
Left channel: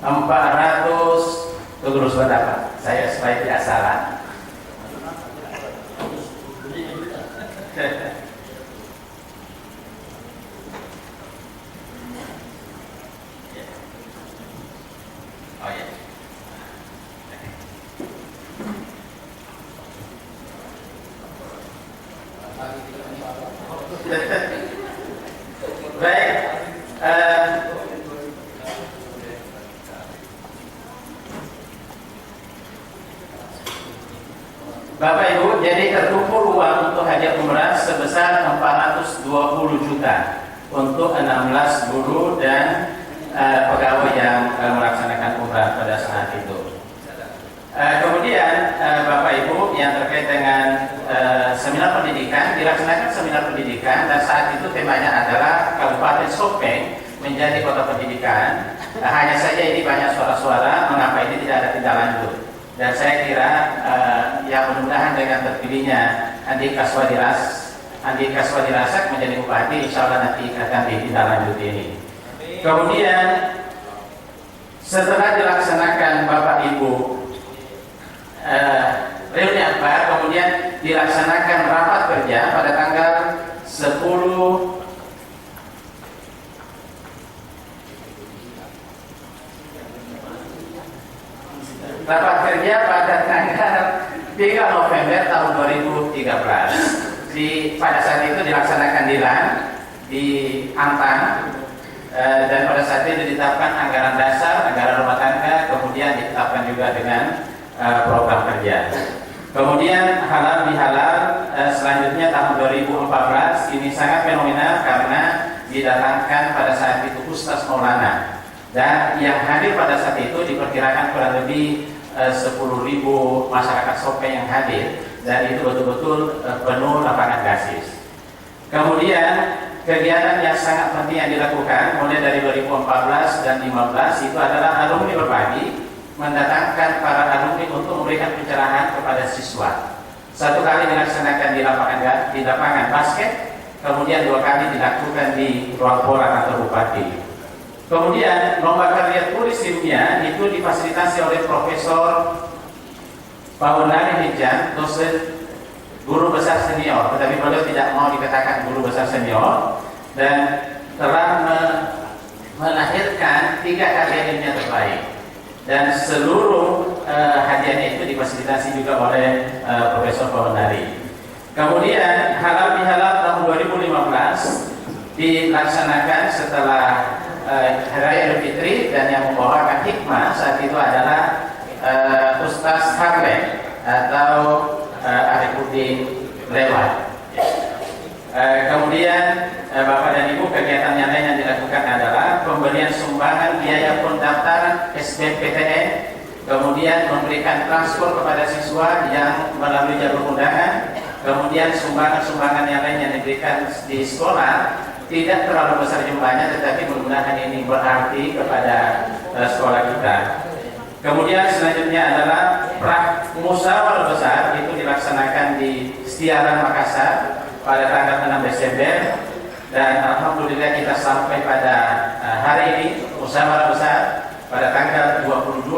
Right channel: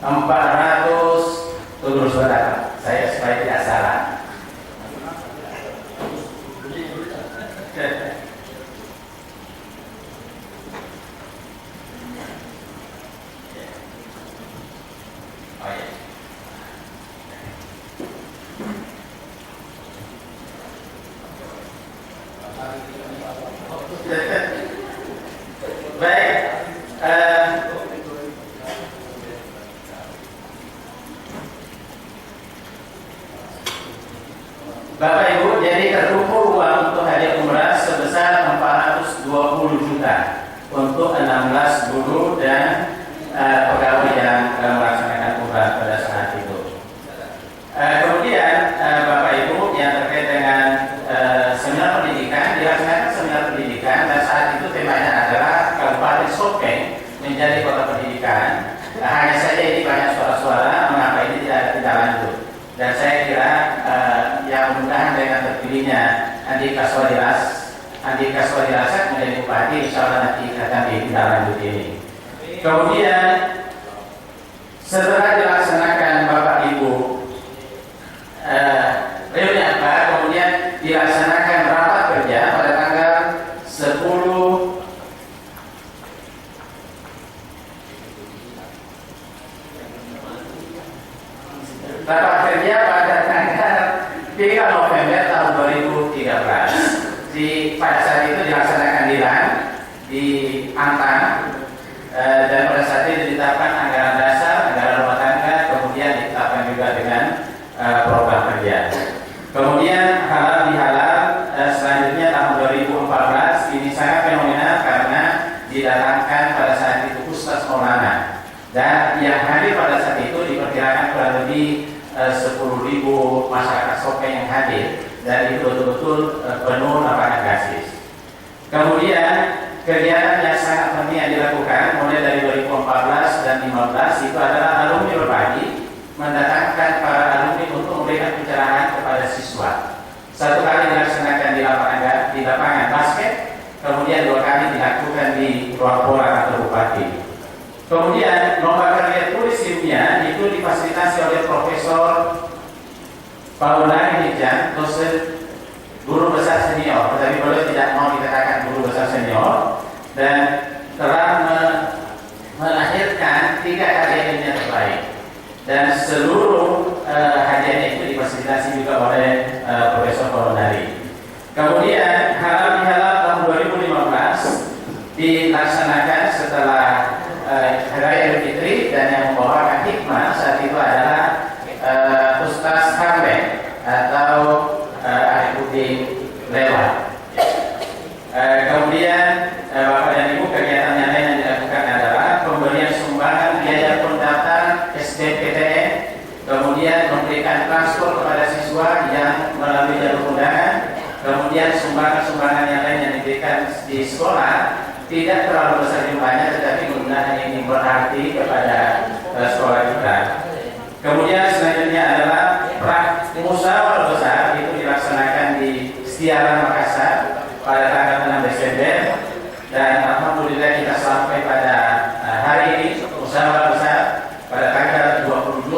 400 terus berapa? Saya supaya tidak salah. Oh ya. Baik. Bapak Ibu, jadi terkumpul uang untuk hadiah umrah sebesar 420 juta untuk 16 guru dan pegawai yang melaksanakan umrah pada saat itu. Kemudian Bapak Ibu, yang terkait dengan seminar pendidikan, dilaksanakan seminar pendidikan dan saat itu temanya adalah Kabupaten Sopeng menjadi kota pendidikan. Hanya saja ini banyak suara-suara mengapa ini tidak ada tindak lanjut. Dan saya kira yang mudah-mudahan dengan terpilihnya Andi Kaswadilas Andika Swadirasak menjadi bupati, insya Allah nanti akan ditindaklanjuti ini. Kemudian setelah dilaksanakan Bapak Ibu reuni akbar, kemudian dilaksanakan rapat kerja pada tanggal 10 rapat kerja pada tanggal 3 November tahun 2013. Pada saat itu dilaksanakan di LAN di Antang, dan pada saat itu ditetapkan anggaran dasar, anggaran rumah tangga, kemudian ditetapkan juga dengan program kerja. Kemudian halal bihalal selanjutnya tahun 2014 ini sangat fenomenal karena didatangkan pada saat itu Ustaz Maulana, dan yang hadir pada saat itu diperkirakan kurang lebih 10.000 masyarakat Sopeng yang hadir, dan itu betul-betul penuh lapangan gasis. Kemudian kegiatan yang sangat penting yang dilakukan mulai dari 2014 dan 2015 itu adalah alumni berbagi, mendatangkan para alumni untuk memberikan pencerahan kepada siswa. 1 kali dilaksanakan di lapangan basket, kemudian 2 kali dilakukan di ruang pora atau bupati. Kemudian lomba karya tulis ilmiah itu difasilitasi oleh Profesor Paulani Hijan, dosen guru besar senior, tetapi beliau tidak mau dikatakan guru besar senior, dan telah melahirkan 3 karya ilmiah terbaik, dan seluruh hadiahnya itu difasilitasi juga oleh Profesor Paulani. Kemudian halal bihalal tahun 2015 dilaksanakan setelah Hari Raya Idul Fitri, dan yang membawakan hikmah saat itu adalah Ustaz Harlem atau Arifudin Lewat. Kemudian Bapak dan Ibu, kegiatan yang lain yang dilakukan adalah pemberian sumbangan biaya pendaftaran SBMPTN, kemudian memberikan transport kepada siswa yang melalui jalur undangan, kemudian sumbangan-sumbangan yang lain yang diberikan di sekolah tidak terlalu besar jumlahnya, tetapi mudah-mudahan ini berarti kepada sekolah kita. Kemudian selanjutnya adalah musyawarah besar, itu dilaksanakan di Setiara Makassar pada tanggal 6 Desember, dan alhamdulillah kita sampai pada hari ini musyawarah besar pada tanggal 22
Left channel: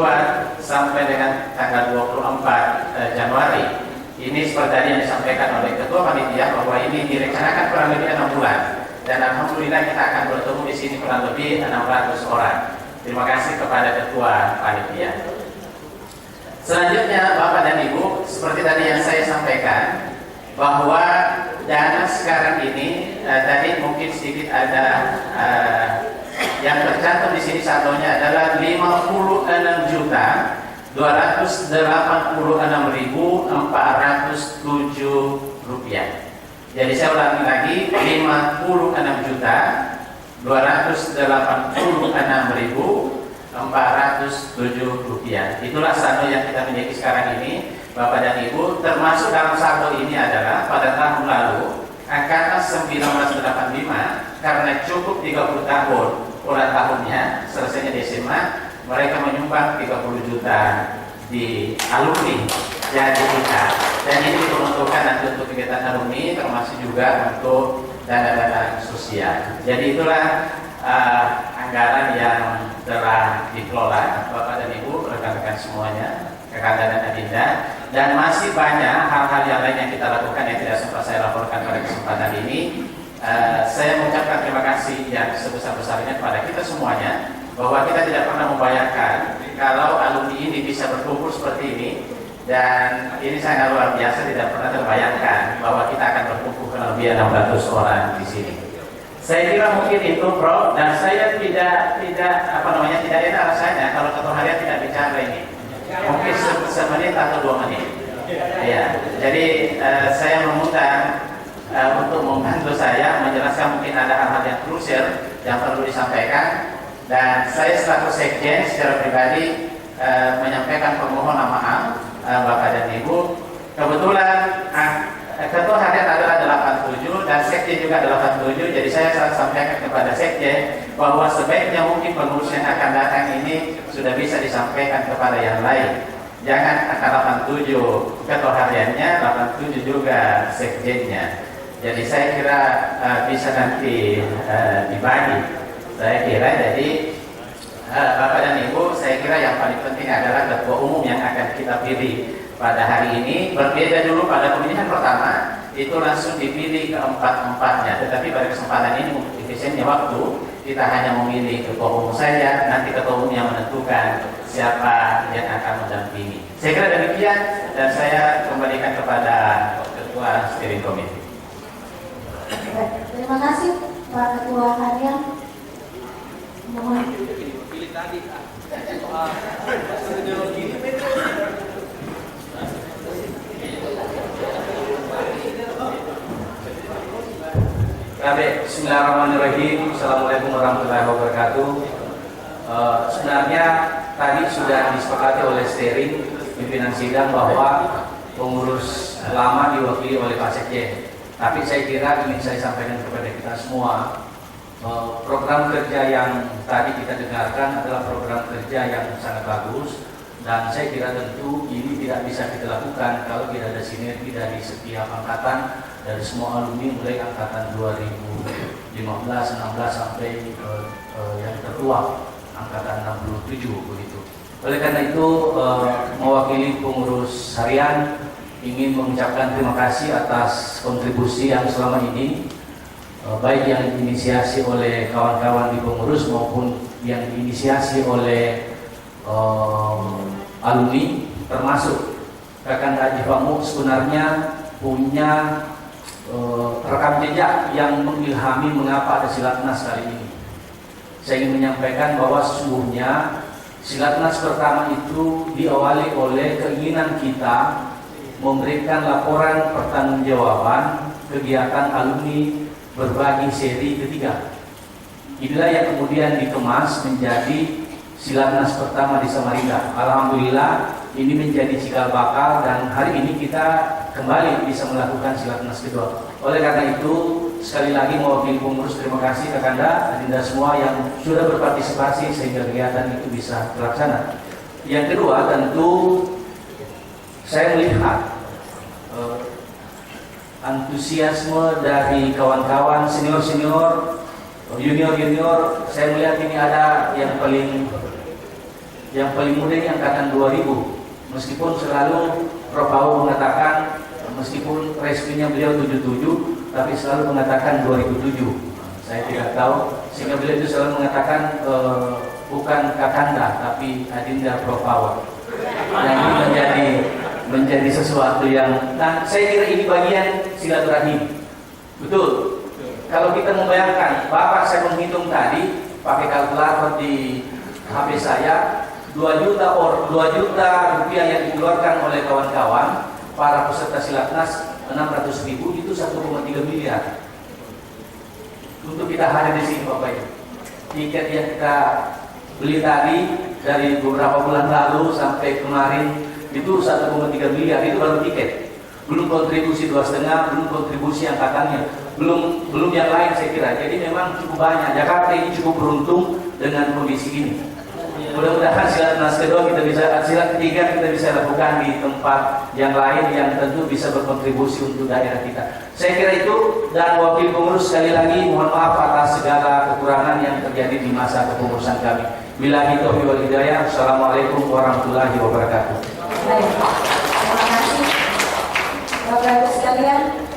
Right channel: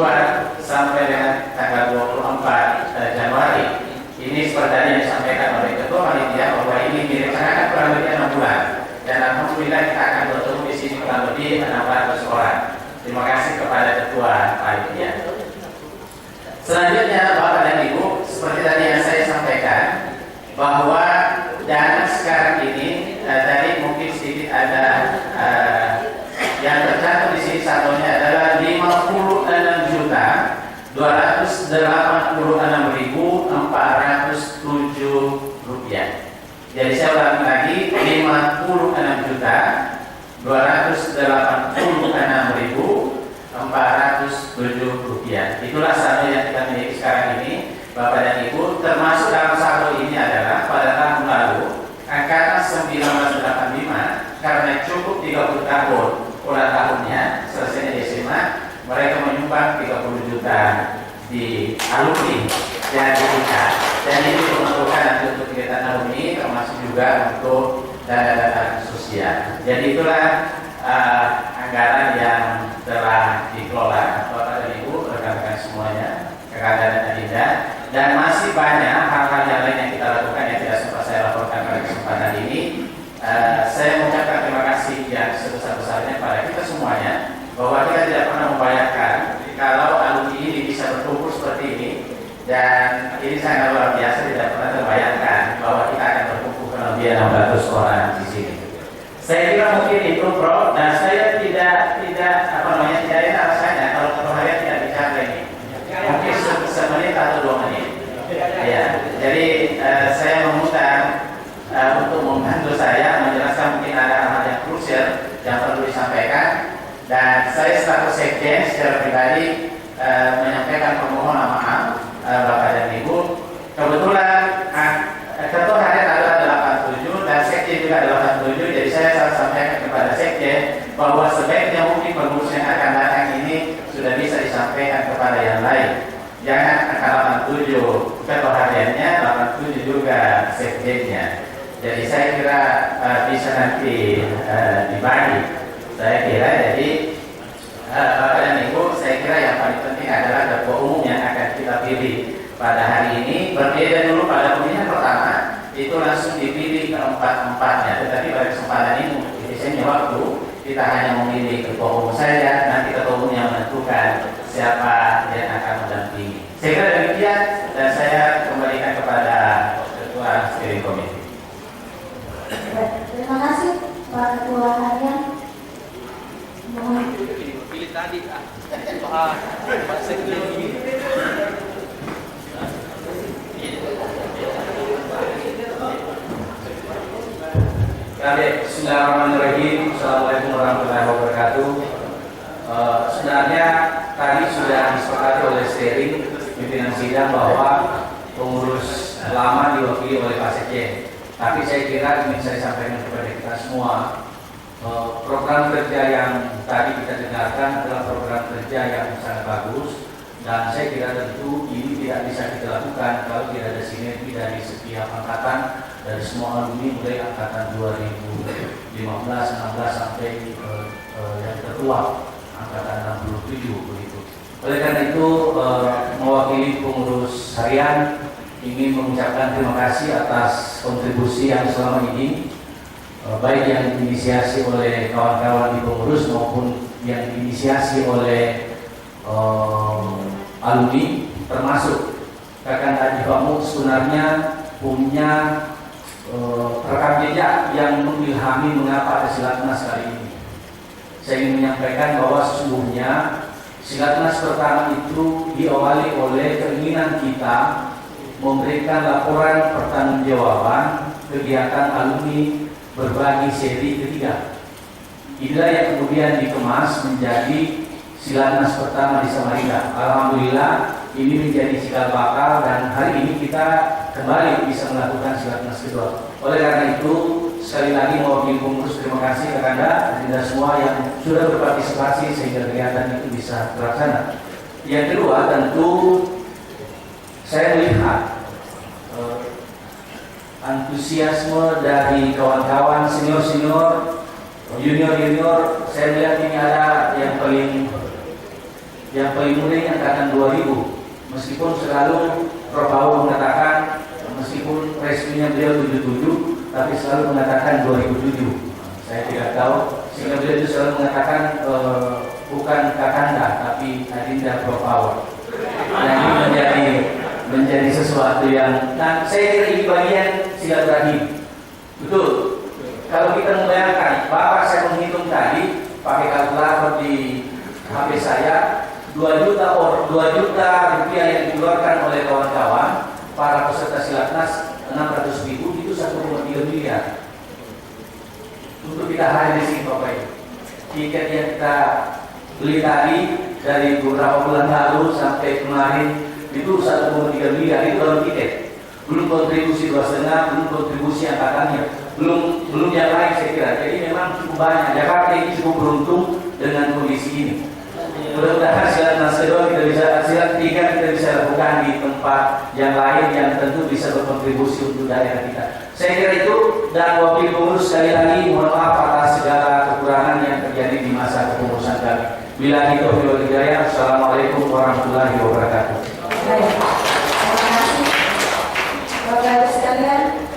sampai dengan tanggal 24 Januari. Ini seperti yang disampaikan oleh Ketua Panitia bahwa ini direncanakan kurang lebih 6 bulan. Dan alhamdulillah kita akan bertemu di sini kurang lebih 600 orang. Terima kasih kepada Ketua Panitia. Selanjutnya Bapak dan Ibu, seperti tadi yang saya sampaikan bahwa dana sekarang ini tadi mungkin sedikit ada yang tercantum di sini, satunya adalah 56.286.407 rupiah. Jadi saya ulangi lagi, 56.286.407 rupiah. Itulah saldo yang kita miliki sekarang ini, Bapak dan Ibu. Termasuk dalam saldo ini adalah pada tahun lalu angkatan 1985, karena cukup 30 tahun ulang tahunnya, selesainya di SMA, mereka menyumbang 30 juta di alumni yang dibuka, dan ini untuk menentukan nanti untuk kegiatan alumni, termasuk juga untuk dana-dana sosial. Jadi itulah anggaran yang telah dikelola Bapak dan Ibu, rekan-rekan semuanya, Kakak dan Adinda, dan masih banyak hal-hal yang lain yang kita lakukan yang tidak sempat saya laporkan pada kesempatan ini. Saya mengucapkan terima kasih yang sebesar-besarnya kepada kita semuanya, bahwa kita tidak pernah membayangkan kalau alumni ini bisa berkumpul seperti ini, dan ini sangat luar biasa, tidak pernah terbayangkan bahwa kita akan berkumpul kurang lebih 600 orang di sini. Saya kira mungkin itu, Prof, dan saya tidak enak rasanya kalau ketua harian tidak bicara ini. Mungkin semenit atau 2 menit. Ya, jadi saya meminta untuk membantu saya menjelaskan mungkin ada hal-hal yang krusial yang perlu disampaikan, dan saya selaku sekjen secara pribadi menyampaikan permohonan maaf Bapak dan Ibu. Kebetulan ketua harian adalah 87 dan sekjen juga adalah 87, jadi saya sampaikan kepada sekjen bahwa sebaiknya mungkin pengurus yang akan datang ini sudah bisa disampaikan kepada yang lain. Jangan angka 87 ketua hariannya, 87 juga sekjennya. Jadi saya kira bisa nanti dibagi. Saya kira jadi Bapak dan Ibu, saya kira yang paling penting adalah ketua umum yang akan kita pilih pada hari ini. Berbeda dulu pada pemilihan pertama, itu langsung dipilih keempat-empatnya. Tetapi pada kesempatan ini, efisiennya waktu, kita hanya memilih ketua umum saja. Nanti ketua umum yang menentukan siapa yang akan mendampingi. Saya kira demikian, dan saya kembalikan kepada Ketua Steering Committee. Terima kasih Pak Ketua Harian. Mohon. Pilih tadi. Bismillahirrahmanirrahim. Assalamualaikum warahmatullahi wabarakatuh. Sebenarnya tadi sudah disepakati oleh steering pimpinan sidang bahwa pengurus lama diwakili oleh Pak Sekjen. Tapi saya kira ingin saya sampaikan kepada kita semua, program kerja yang tadi kita dengarkan adalah program kerja yang sangat bagus, dan saya kira tentu ini tidak bisa kita lakukan kalau tidak ada sinergi dari setiap angkatan, dari semua alumni mulai angkatan 2015, 16 sampai yang tertua angkatan 67 begitu. Oleh karena itu mewakili pengurus harian ingin mengucapkan terima kasih atas kontribusi yang selama ini baik yang diinisiasi oleh kawan-kawan di pengurus maupun yang diinisiasi oleh alumni, termasuk Kakanda Ifamu sebenarnya punya rekam jejak yang mengilhami mengapa ada Silatnas kali ini. Saya ingin menyampaikan bahwa sesungguhnya Silatnas pertama itu diawali oleh keinginan kita memberikan laporan pertanggungjawaban kegiatan alumni berbagi seri ketiga. Inilah yang kemudian dikemas menjadi Silatnas pertama di Samarinda. Alhamdulillah ini menjadi cikal bakal, dan hari ini kita kembali bisa melakukan Silatnas kedua. Oleh karena itu sekali lagi mewakili pengurus terima kasih Kakanda dan Anda semua yang sudah berpartisipasi sehingga kegiatan itu bisa terlaksana. Yang kedua, tentu saya melihat antusiasme dari kawan-kawan senior-senior, junior-junior. Saya melihat ini ada yang paling muda ini angkatan 2000. Meskipun selalu Prof. Pau mengatakan, meskipun resminya beliau 77, tapi selalu mengatakan 2007. Saya tidak tahu, sehingga beliau itu selalu mengatakan bukan Kakanda, tapi Adinda Prof. Pau. Nah, ini menjadi sesuatu yang, nah saya kira ini bagian silaturahim. Betul. Kalau kita membayangkan, Bapak saya menghitung tadi pakai kalkulator di HP saya, 2 juta rupiah yang dikeluarkan oleh kawan-kawan para peserta Silatnas 600.000 itu 1,3 miliar. Untuk kita hadir di sini Bapak Ibu. Tiket yang kita beli tadi dari beberapa bulan lalu sampai kemarin itu 1,3 miliar, itu baru tiket, belum kontribusi 2,5, belum kontribusi angkatannya, belum yang lain saya kira. Jadi memang cukup banyak. Jakarta ini cukup beruntung dengan kondisi ini. Mudah-mudahan Silatnas kedua kita bisa, silat ketiga kita bisa lakukan di tempat yang lain yang tentu bisa berkontribusi untuk daerah kita. Saya kira itu, dan wakil pengurus sekali lagi mohon maaf atas segala kekurangan yang terjadi di masa kepengurusan kami. Billahi taufiq wal hidayah. Assalamualaikum warahmatullahi wabarakatuh. Baik, terima kasih Bapak Ibu sekalian.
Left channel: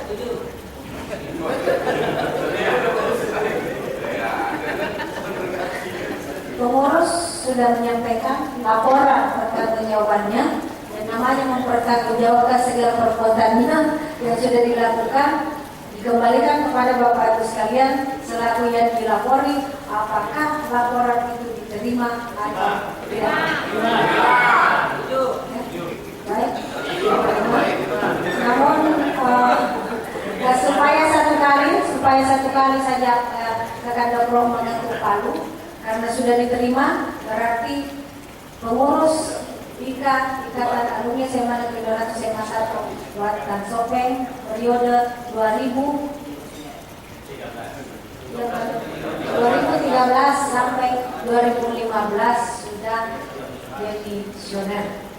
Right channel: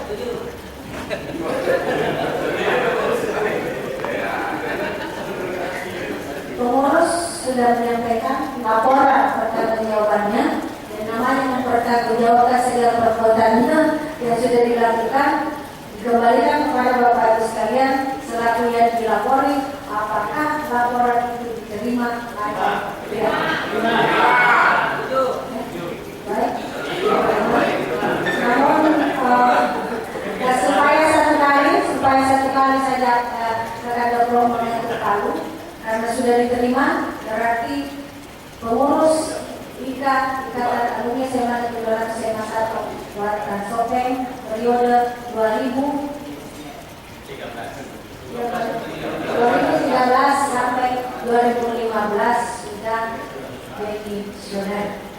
Pengurus sudah menyampaikan laporan pertanggungjawabannya, dan namanya mempertanggungjawabkan segala perbuatannya yang sudah dilakukan dikembalikan kepada Bapak Ibu sekalian selaku yang dilapori. Apakah laporan itu diterima atau tidak? Baik. Namun supaya satu kali saja Kakanda Prof mengetuk palu, karena sudah diterima, berarti pengurus Ikatan Alumni SMA Negeri 200 SMA 1 Buatan Sopeng periode 2013 sampai 2015 sudah jadi visioner.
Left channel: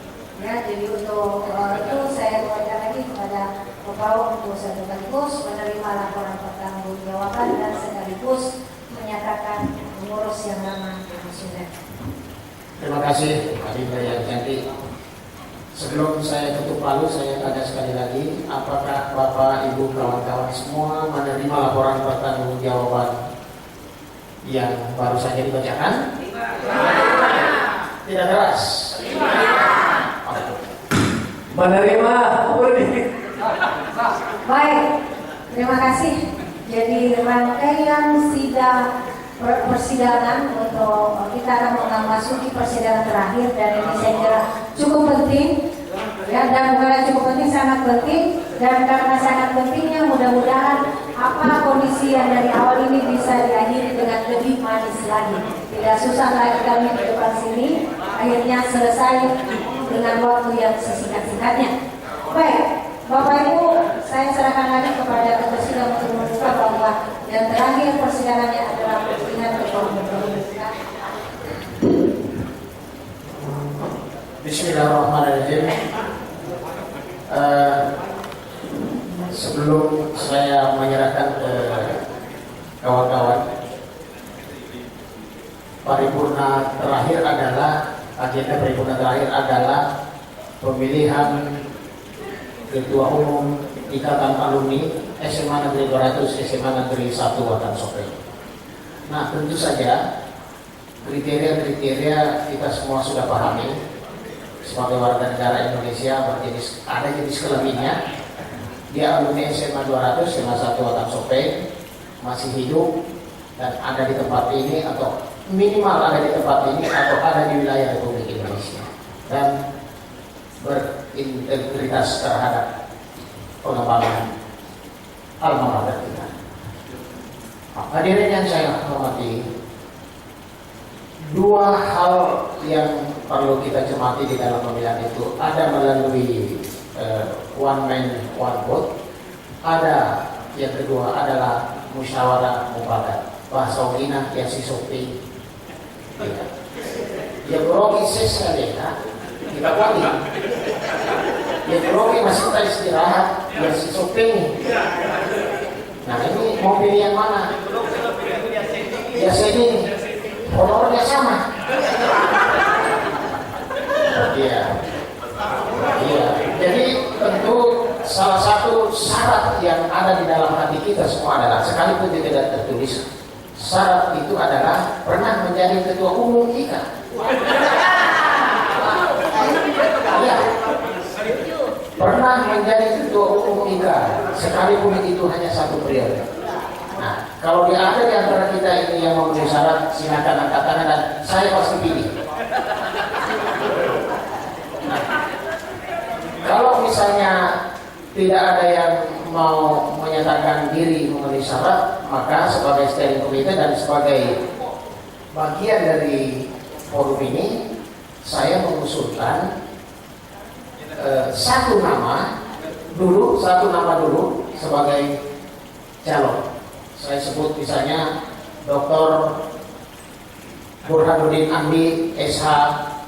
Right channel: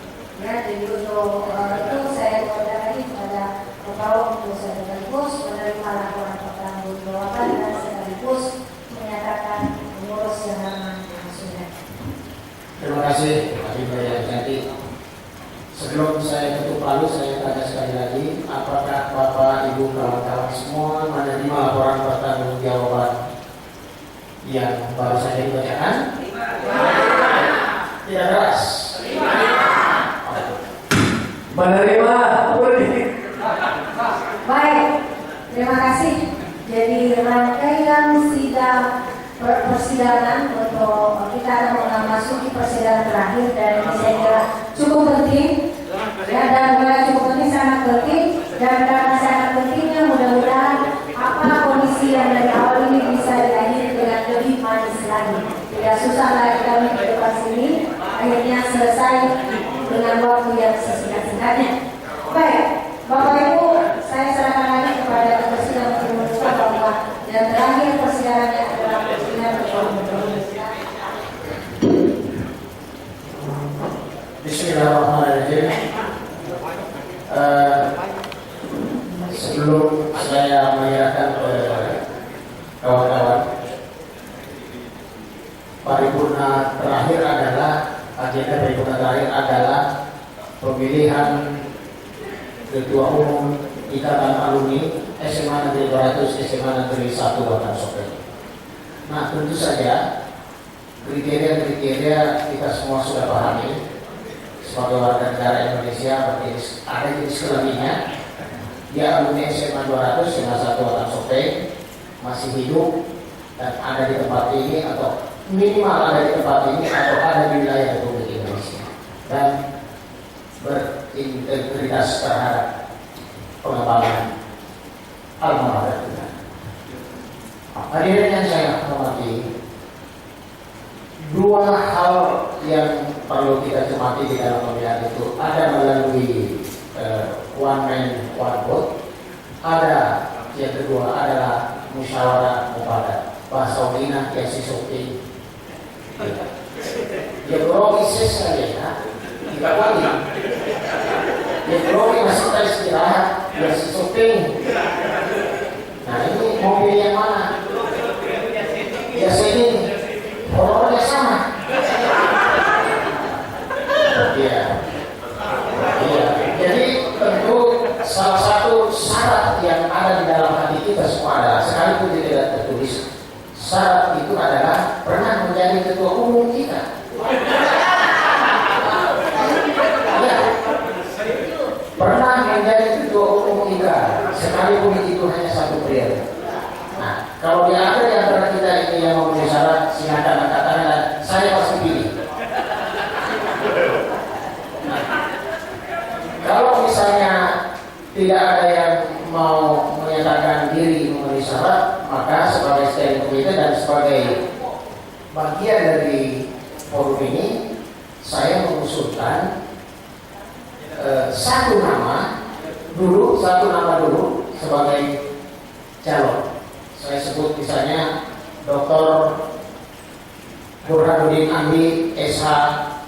Ya, jadi untuk itu saya kembali lagi kepada membawa untuk sekaligus menerima laporan pertanggungjawaban dan sekaligus menyatakan mengurus yang lama yang sudah. Terima kasih, Adinda yang cantik. Sebelum saya tutup lalu, saya tanya sekali lagi, apakah Bapak, Ibu, kawan-kawan semua menerima laporan pertanggungjawaban yang baru saja dibacakan? Tidak keras. Menerima. Baik, terima kasih. Jadi rangkaian sidang persidangan untuk kita akan memasuki persidangan terakhir dan ini saya kira cukup penting ya, dan bukan cukup penting, sangat penting, dan karena sangat pentingnya mudah-mudahan apa kondisi yang dari awal ini bisa diakhiri dengan lebih manis lagi. Tidak susah lagi kami ke depan sini, akhirnya selesai dengan waktu yang sesingkat-singkatnya. Baik, Bapak Ibu, saya serahkan lagi kepada ketua untuk membuka bahwa yang terakhir persidangannya adalah persidangan Bismillahirrahmanirrahim. Sebelum saya menyerahkan ke kawan-kawan, paripurna terakhir adalah agenda paripurna terakhir adalah pemilihan Ketua Umum Ikatan Alumni SMA Negeri 200 SMA Negeri 1 Watan Sopeng. Nah, tentu saja kriteria-kriteria kita semua sudah pahami. Sebagai warga negara Indonesia ada jenis kelaminnya. Dia alumni SMA 200 SMA 1 Watan Sopeng, masih hidup dan ada di tempat ini atau minimal ada di tempat ini atau ada di wilayah Republik Indonesia dan berintegritas terhadap pengembangan alma mater kita. Hadirin yang saya hormati, dua hal yang perlu kita cermati di dalam pemilihan itu ada melalui one man one vote, ada yang kedua adalah musyawarah mufakat. Bahasa Wina yang sisukti ya grogi sekali ya, tidak wali ya grogi masih tak istirahat ya sisukti. Nah ini mau pilih yang mana? Ya sini honornya sama. Iya. Jadi tentu salah satu syarat yang ada di dalam hati kita semua adalah, sekalipun tidak tertulis, syarat itu adalah pernah menjadi ketua umum kita. Ya. Pernah menjadi ketua umum kita, sekalipun itu hanya satu periode. Nah, kalau dia ada di antara kita ini yang memenuhi syarat, silakan angkat tangan dan saya pasti pilih. Nah, kalau misalnya tidak ada yang mau menyatakan diri memenuhi syarat, maka sebagai steering committee dan sebagai bagian dari forum ini, saya mengusulkan satu nama dulu sebagai calon. Saya sebut misalnya Dr. Burhanuddin Andi SH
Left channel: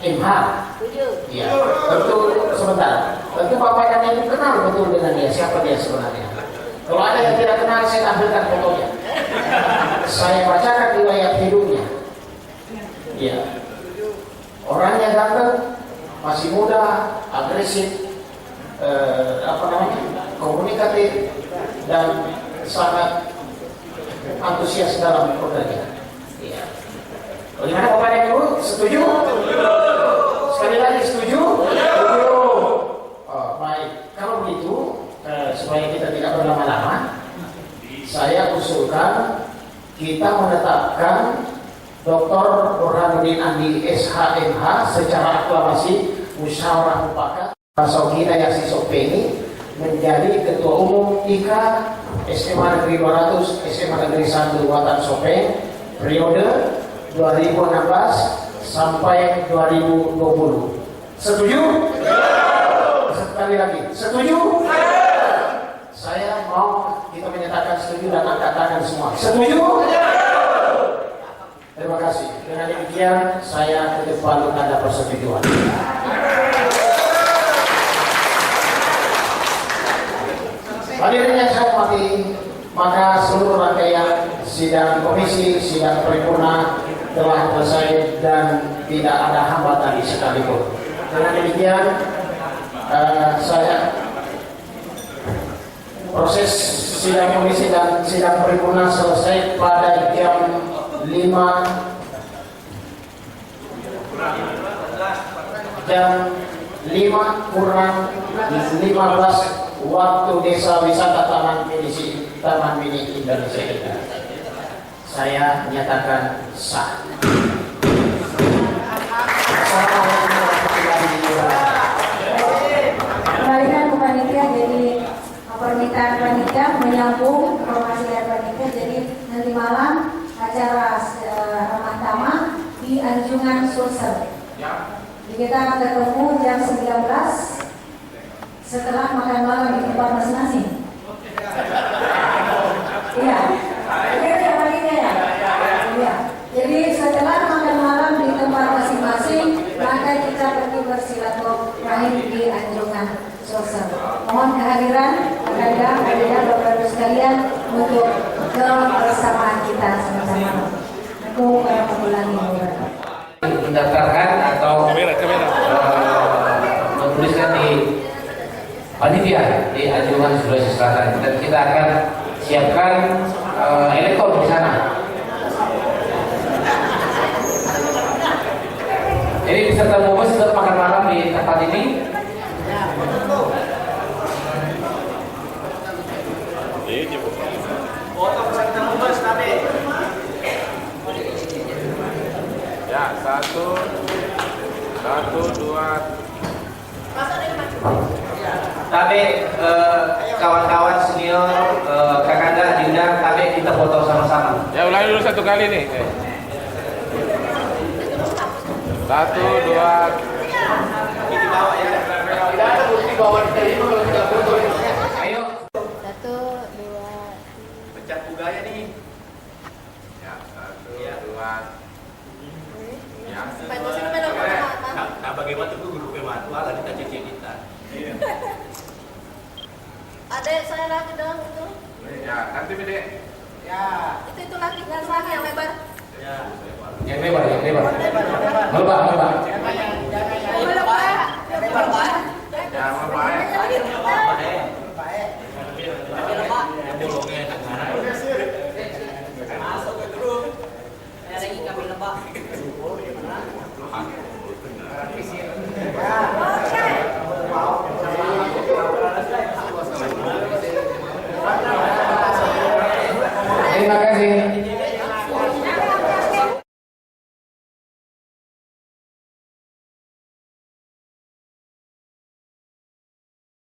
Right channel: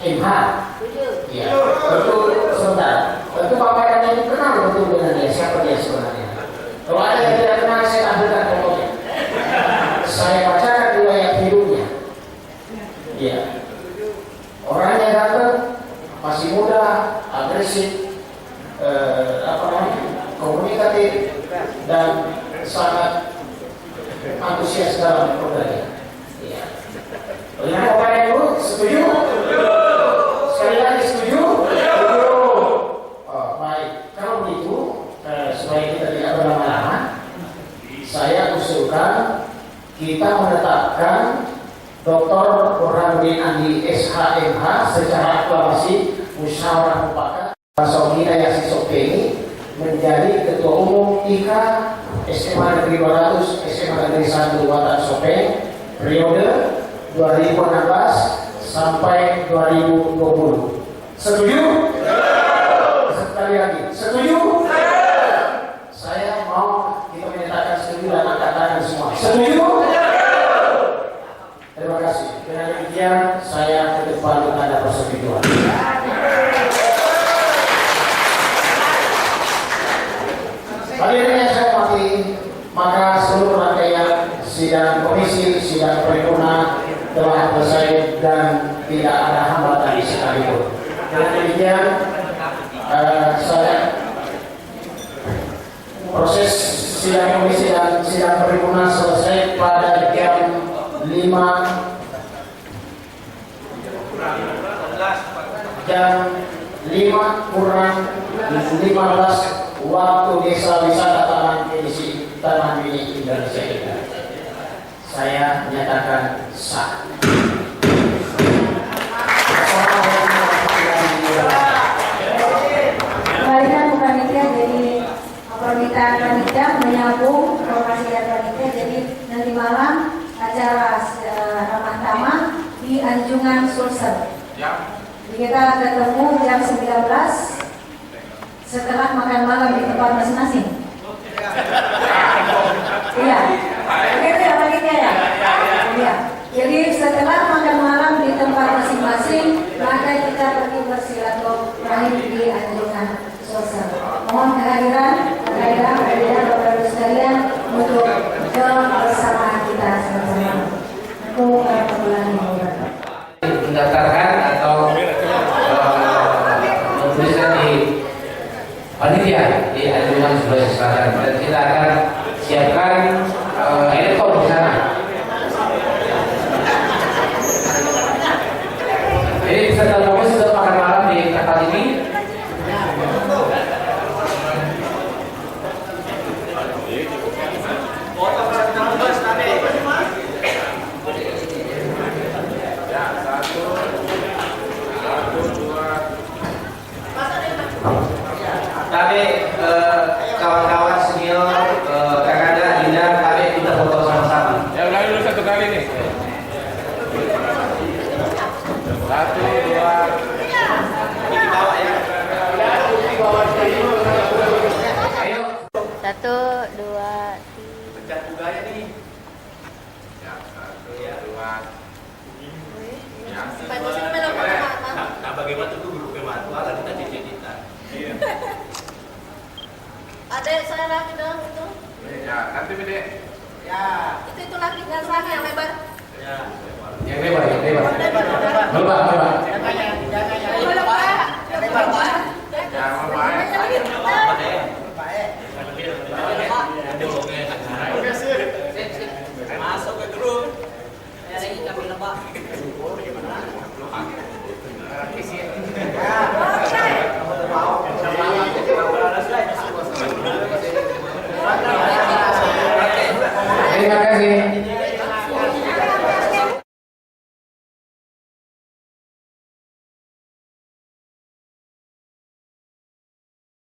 MH. Ya, tentu sebentar. Tentu Bapak dan Ibu kenal betul dengan dia, siapa dia sebenarnya. Kalau ada yang tidak kenal, saya tampilkan fotonya. Saya bacakan riwayat hidupnya. Ya, orangnya ganteng, masih muda, agresif, komunikatif, dan sangat antusias dalam bekerja. Iya. Bagaimana Bapak dan Ibu? Setuju? Sekali lagi setuju? Setuju. Oh, baik. Kalau begitu, supaya kita tidak berlama-lama, saya usulkan kita menetapkan Dr. Burhanuddin Andi SHMH secara aklamasi musyawarah mufakat Sokina Yasi Sopeni menjadi Ketua Umum IKA SMA Negeri 200 SMA Negeri 1 Watan Sopeng periode 2016 sampai 2020. Setuju? Sekali lagi, setuju? Saya mau kita menyatakan setuju dan angkat tangan semua. Setuju? Terima kasih. Dengan demikian saya ketuk palu tanda persetujuan. sidang komisi, sidang paripurna telah selesai dan tidak ada hambatan sekalipun. Dengan demikian, proses sidang komisi dan sidang paripurna selesai pada jam 5:15 waktu Desa Wisata Taman Mini Indonesia. Saya menyatakan sah. Kembalikan ke panitia, jadi permintaan panitia menyambung lokasi dari panitia, jadi nanti malam acara ramah tamah di Anjungan Sulsel. Jadi kita ketemu jam 19 setelah makan malam di tempat masing-masing. Iya, oke ya panitia ya. Iya. Jadi setelah makan malam di tempat masing-masing, maka kita pergi bersilaturahim di Anjungan Sulsel. Mohon kehadiran Bapak Ibu sekalian untuk kebersamaan kita sama-sama. Untuk perbulan ini. Mendaftarkan atau menuliskan di panitia di Anjungan Sulawesi Selatan, dan kita akan siapkan elektor di sana. Jadi peserta umum sudah makan malam di tempat ini. Ya, satu, dua. Tapi kawan-kawan senior, kakak Dinda, kami kita foto sama-sama. Ya, ulangi dulu satu kali nih. Satu, dua. Ini bawa ya. Ayo. Satu, dua. Pencet buganya nih. Ya, satu, dua. Ya. Nah, bagaimana tuh guru pematuan lah kita cicit-citan. Adek saya lagi dong itu. Ya, nanti bede. Ya. Itu lagi nggak salah yang lebar. Ya. Yang lebar. Lebar. Ya, membaik. Masuk ke grup. Terima kasih.